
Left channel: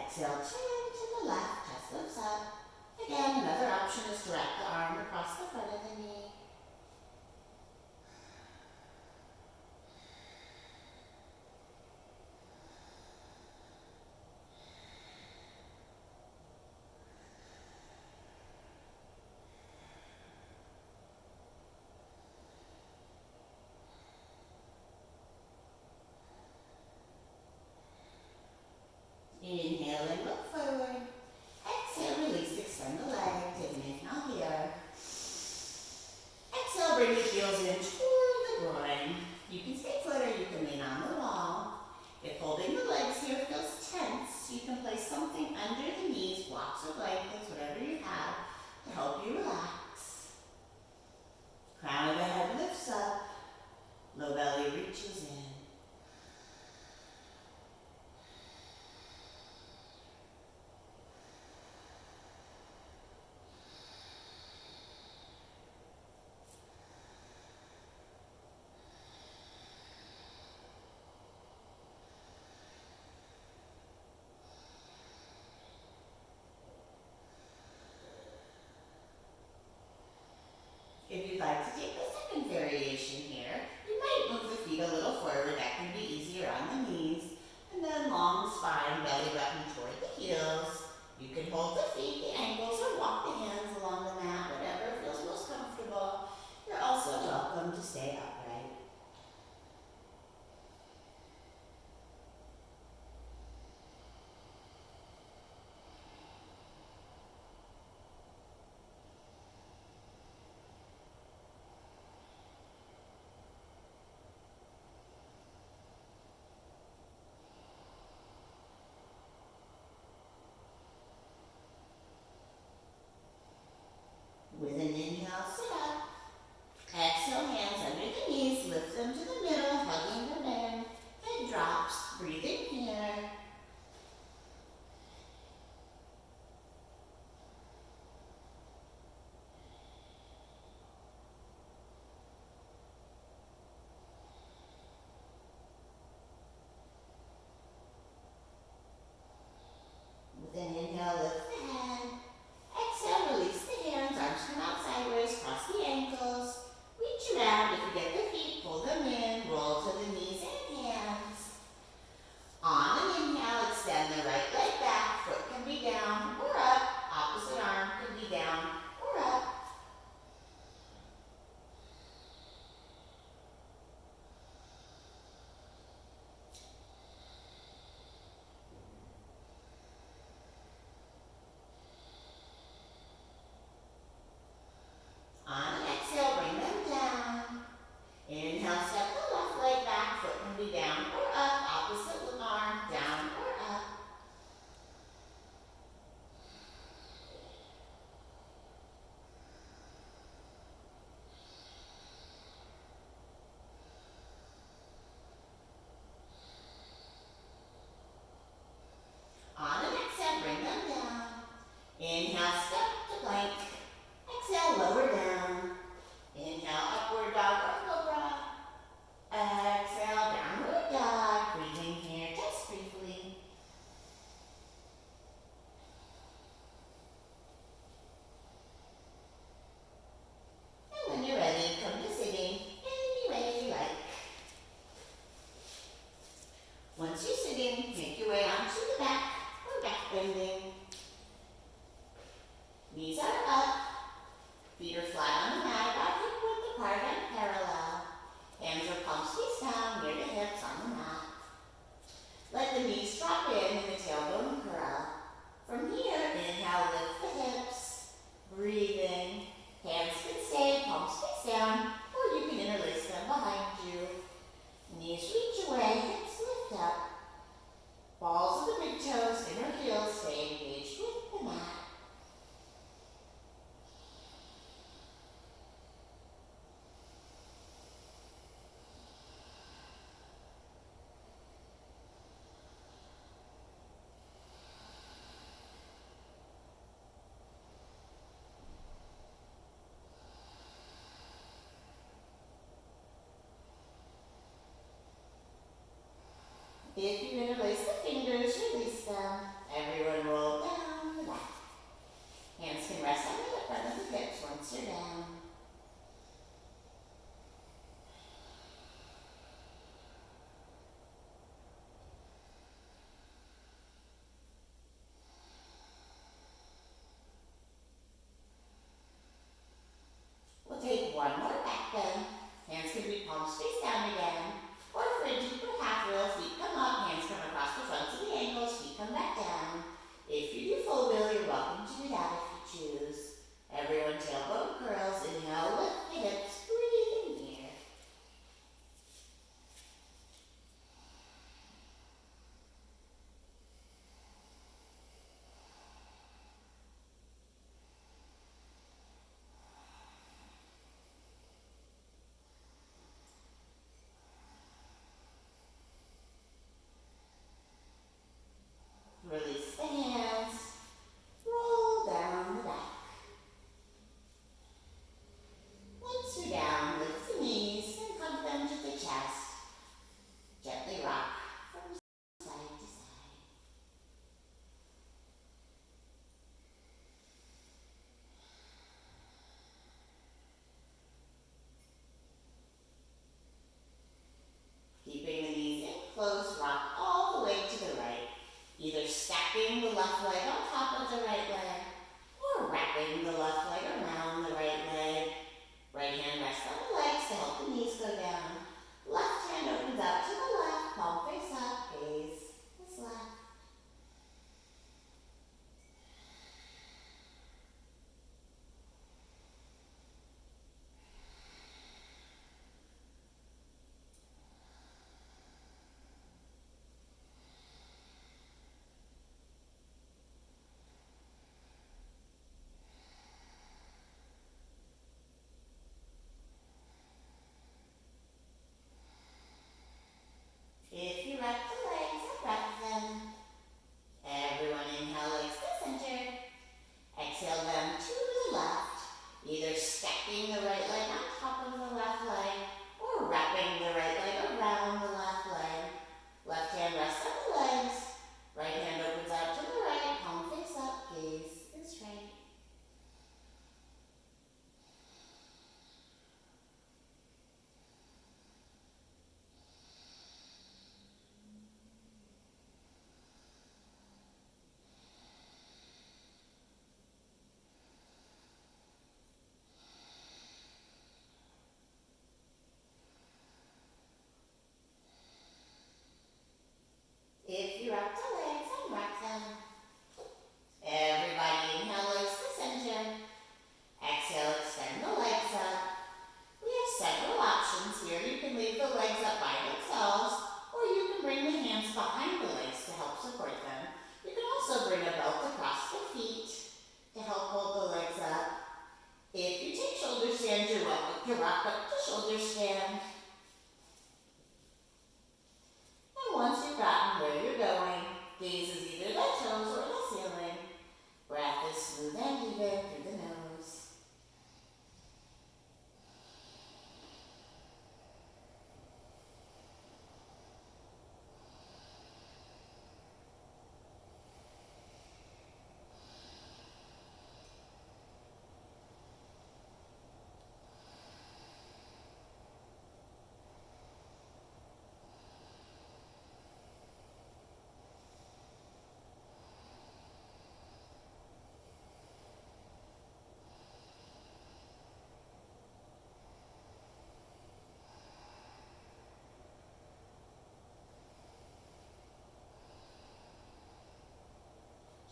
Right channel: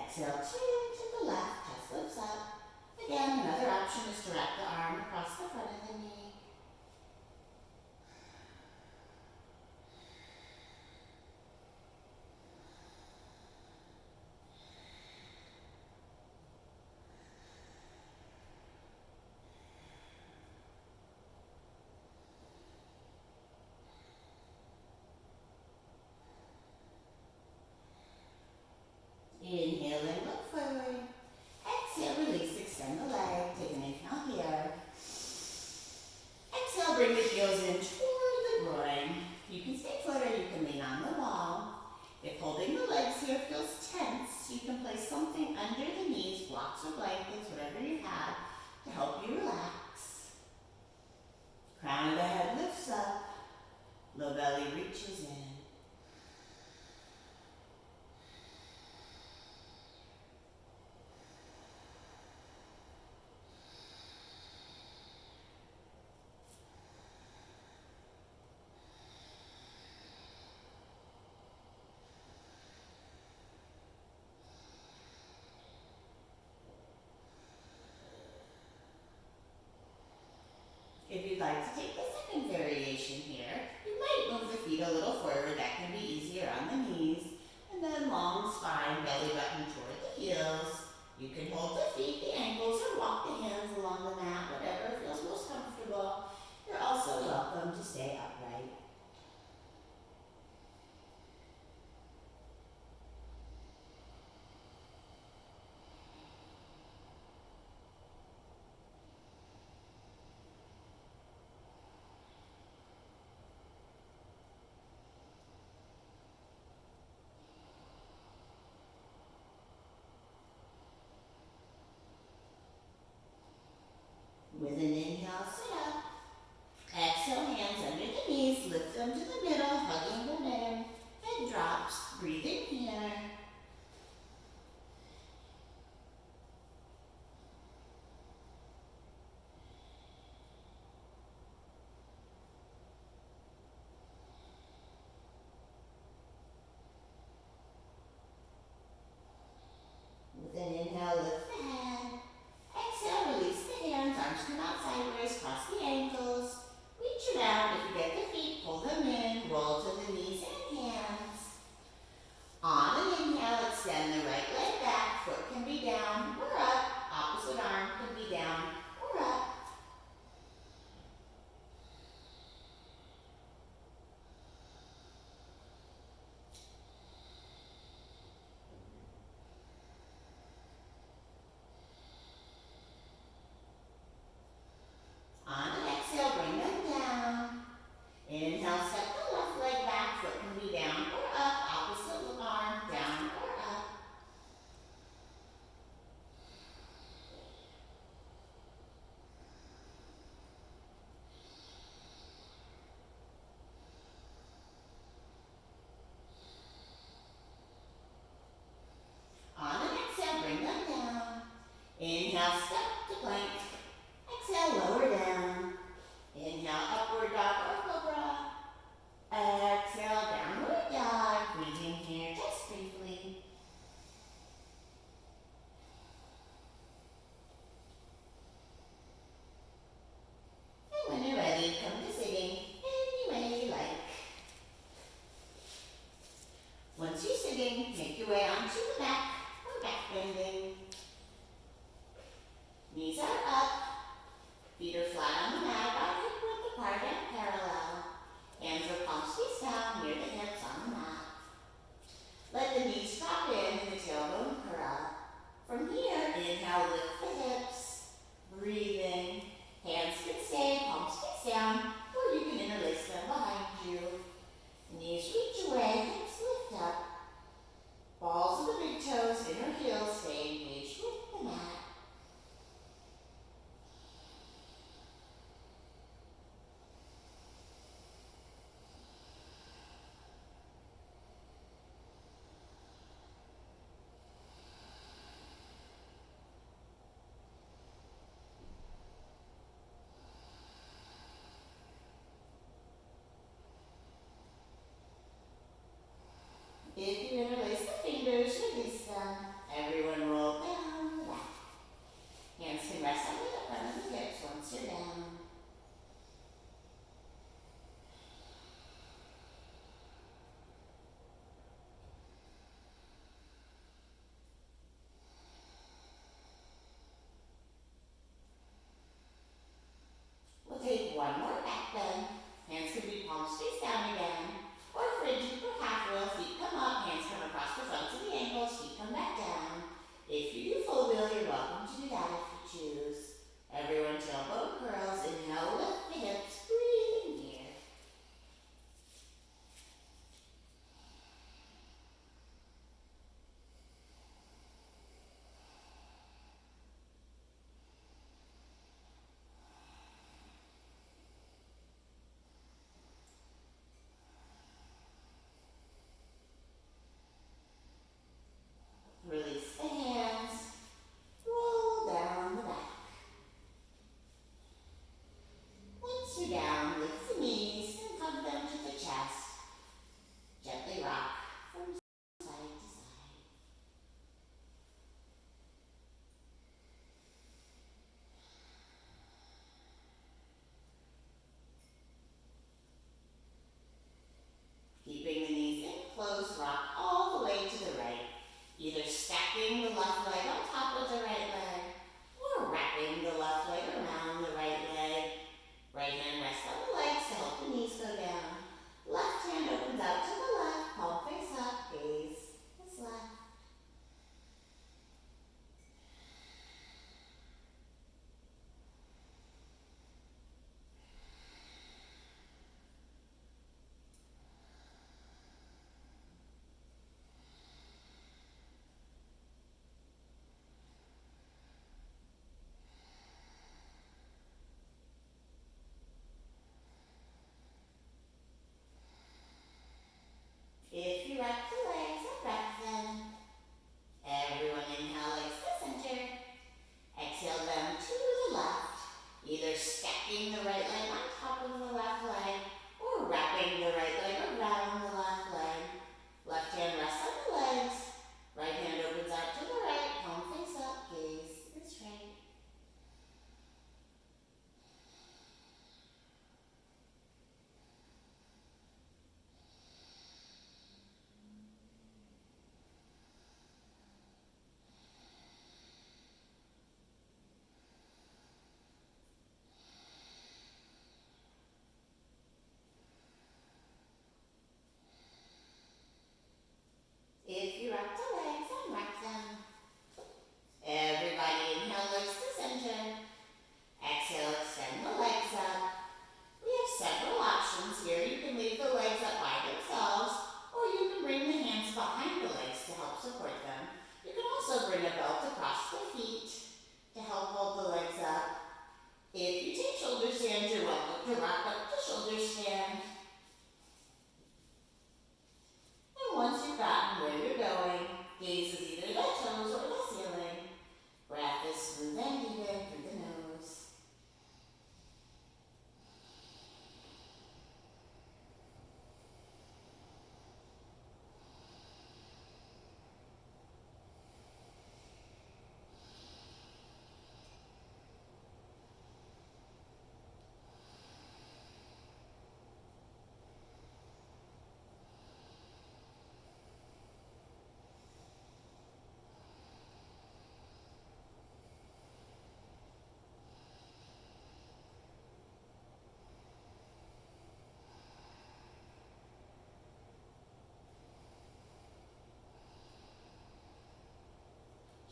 Exhale, turn to the left, chest lifts up. Again, another option is to wrap the arm across the front of the knee. Inhale and look forward. Exhale, release, extend the leg. Take an inhale here. Exhale, bring the heels in toward the groin. You can stay put or you can lean on the wall. If holding the legs here feels tense, you can place something under the knees, blocks or blankets, whatever you have, to help you relax. Crown of the head lifts up. Low belly reaches in. If you'd like to take the second variation here, you might move the feet a little forward. That can be easier on the knees. And then long spine, belly button toward the heels. You can hold the feet, the ankles, or walk the hands along the mat, whatever feels most comfortable. You're also welcome to stay upright. With an inhale, sit up. Exhale, hands under the knees, lift them to the middle, hugging them in. Head drops, breathe in here. With an inhale, lift the head. Exhale, release the hands, arms come out sideways, cross the ankles. Reach around, if you get the feet, pull them in, roll to the knees and hands. On an inhale, once you're down. We'll take one more back bend. Hands can be palms face down again. Or for a deeper half roll, feet come up, hands come across the fronts of the ankles, feet come back down. If you do full wheel, you're welcome to do that if you choose. Everyone tailbone curls, inhale, lift the hips, breathing here. Release the hands, roll down the back. Once you're down, lift the knees and hug them to the chest. Gently rock from side to side. Keeping the knees in close, rock all the way to the right. Either stacking the left leg on top of the right leg or wrapping the left leg around the right leg. Right hand rests on the legs to help the knees go down. Left hand opens out to the left, palm face up, gaze is left. If you wrap the legs, unwrap them. Everyone inhale, legs to center. Exhale them to the left, either stacking the right leg on top of the left leg or wrapping the right leg around the left leg. Left hand rests on the legs. Right hand opens out to the right, palm face up, gaze is straight. If you wrap the legs, unwrap them. Everybody inhale, legs to center. Exhale, extend the legs up. We have several options here. You can leave the legs up by themselves, or you can bring the hands behind the legs to help support them. You can also bring a belt across the feet to help hold the legs up. If you take shoulder stand, you're welcome to rock up to shoulder stand. And once you've gotten where you're going, gaze is either the toes or the ceiling. Breath is smooth and even through the nose.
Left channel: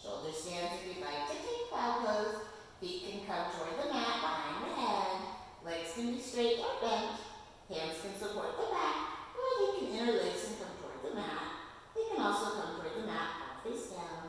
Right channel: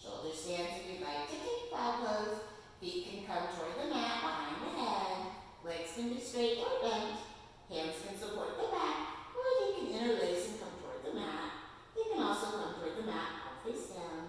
Shoulder stands if you'd like to take cloud pose. Feet can come toward the mat behind the head. Legs can be straight or bent. Hands can support the back, or they can interlace and come toward the mat. They can also come toward the mat, palm face down.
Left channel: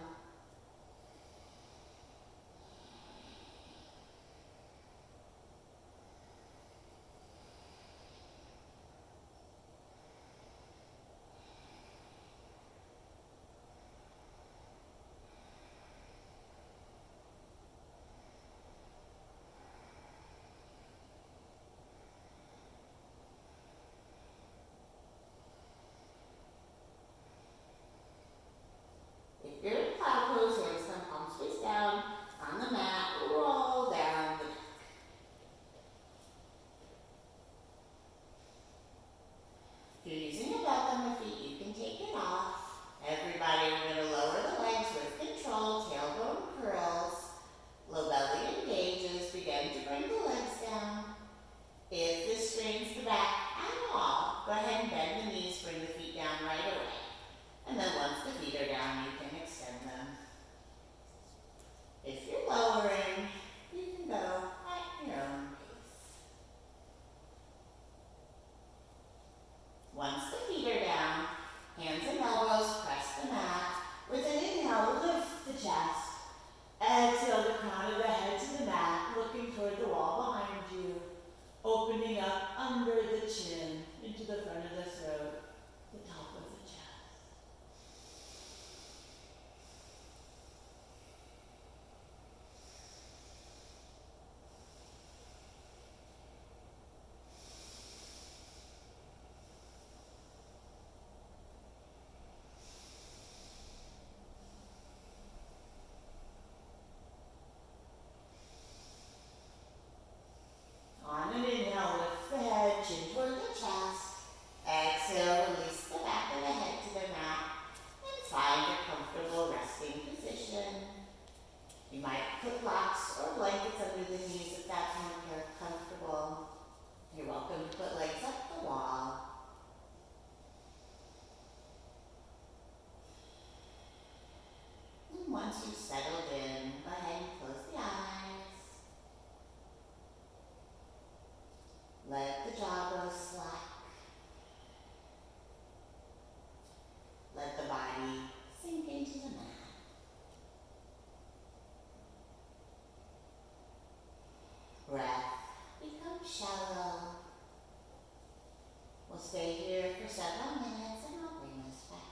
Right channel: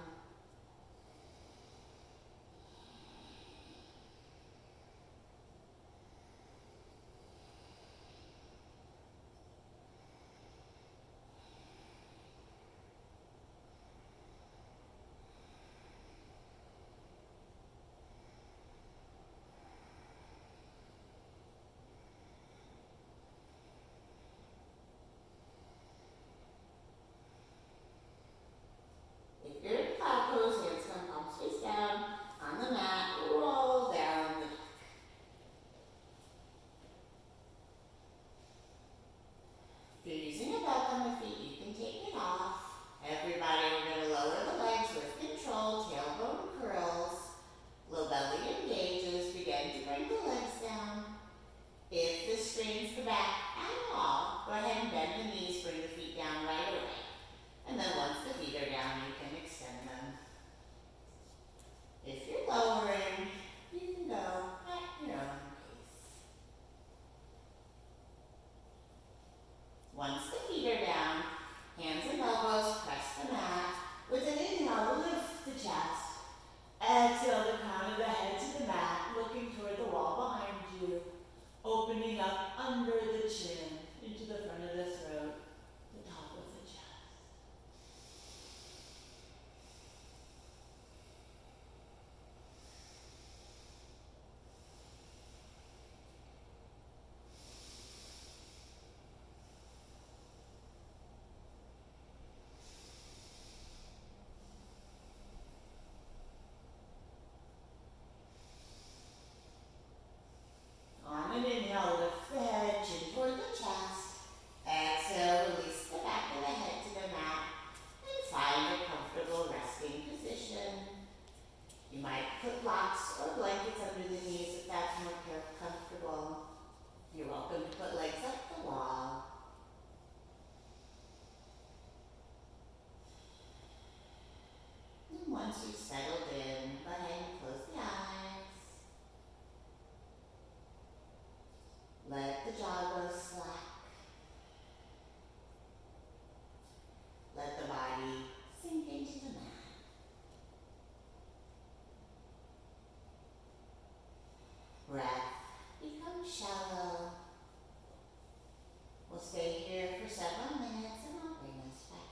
through the knees if that's more comfortable. You're welcome to put legs up the wall. And once you've settled in, go ahead and close the eyes. Let the jaw go slack. Let the body sink into the mat. Breath becomes shallow. We'll stay here for several minutes and I'll bring us back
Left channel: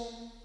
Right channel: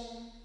chin.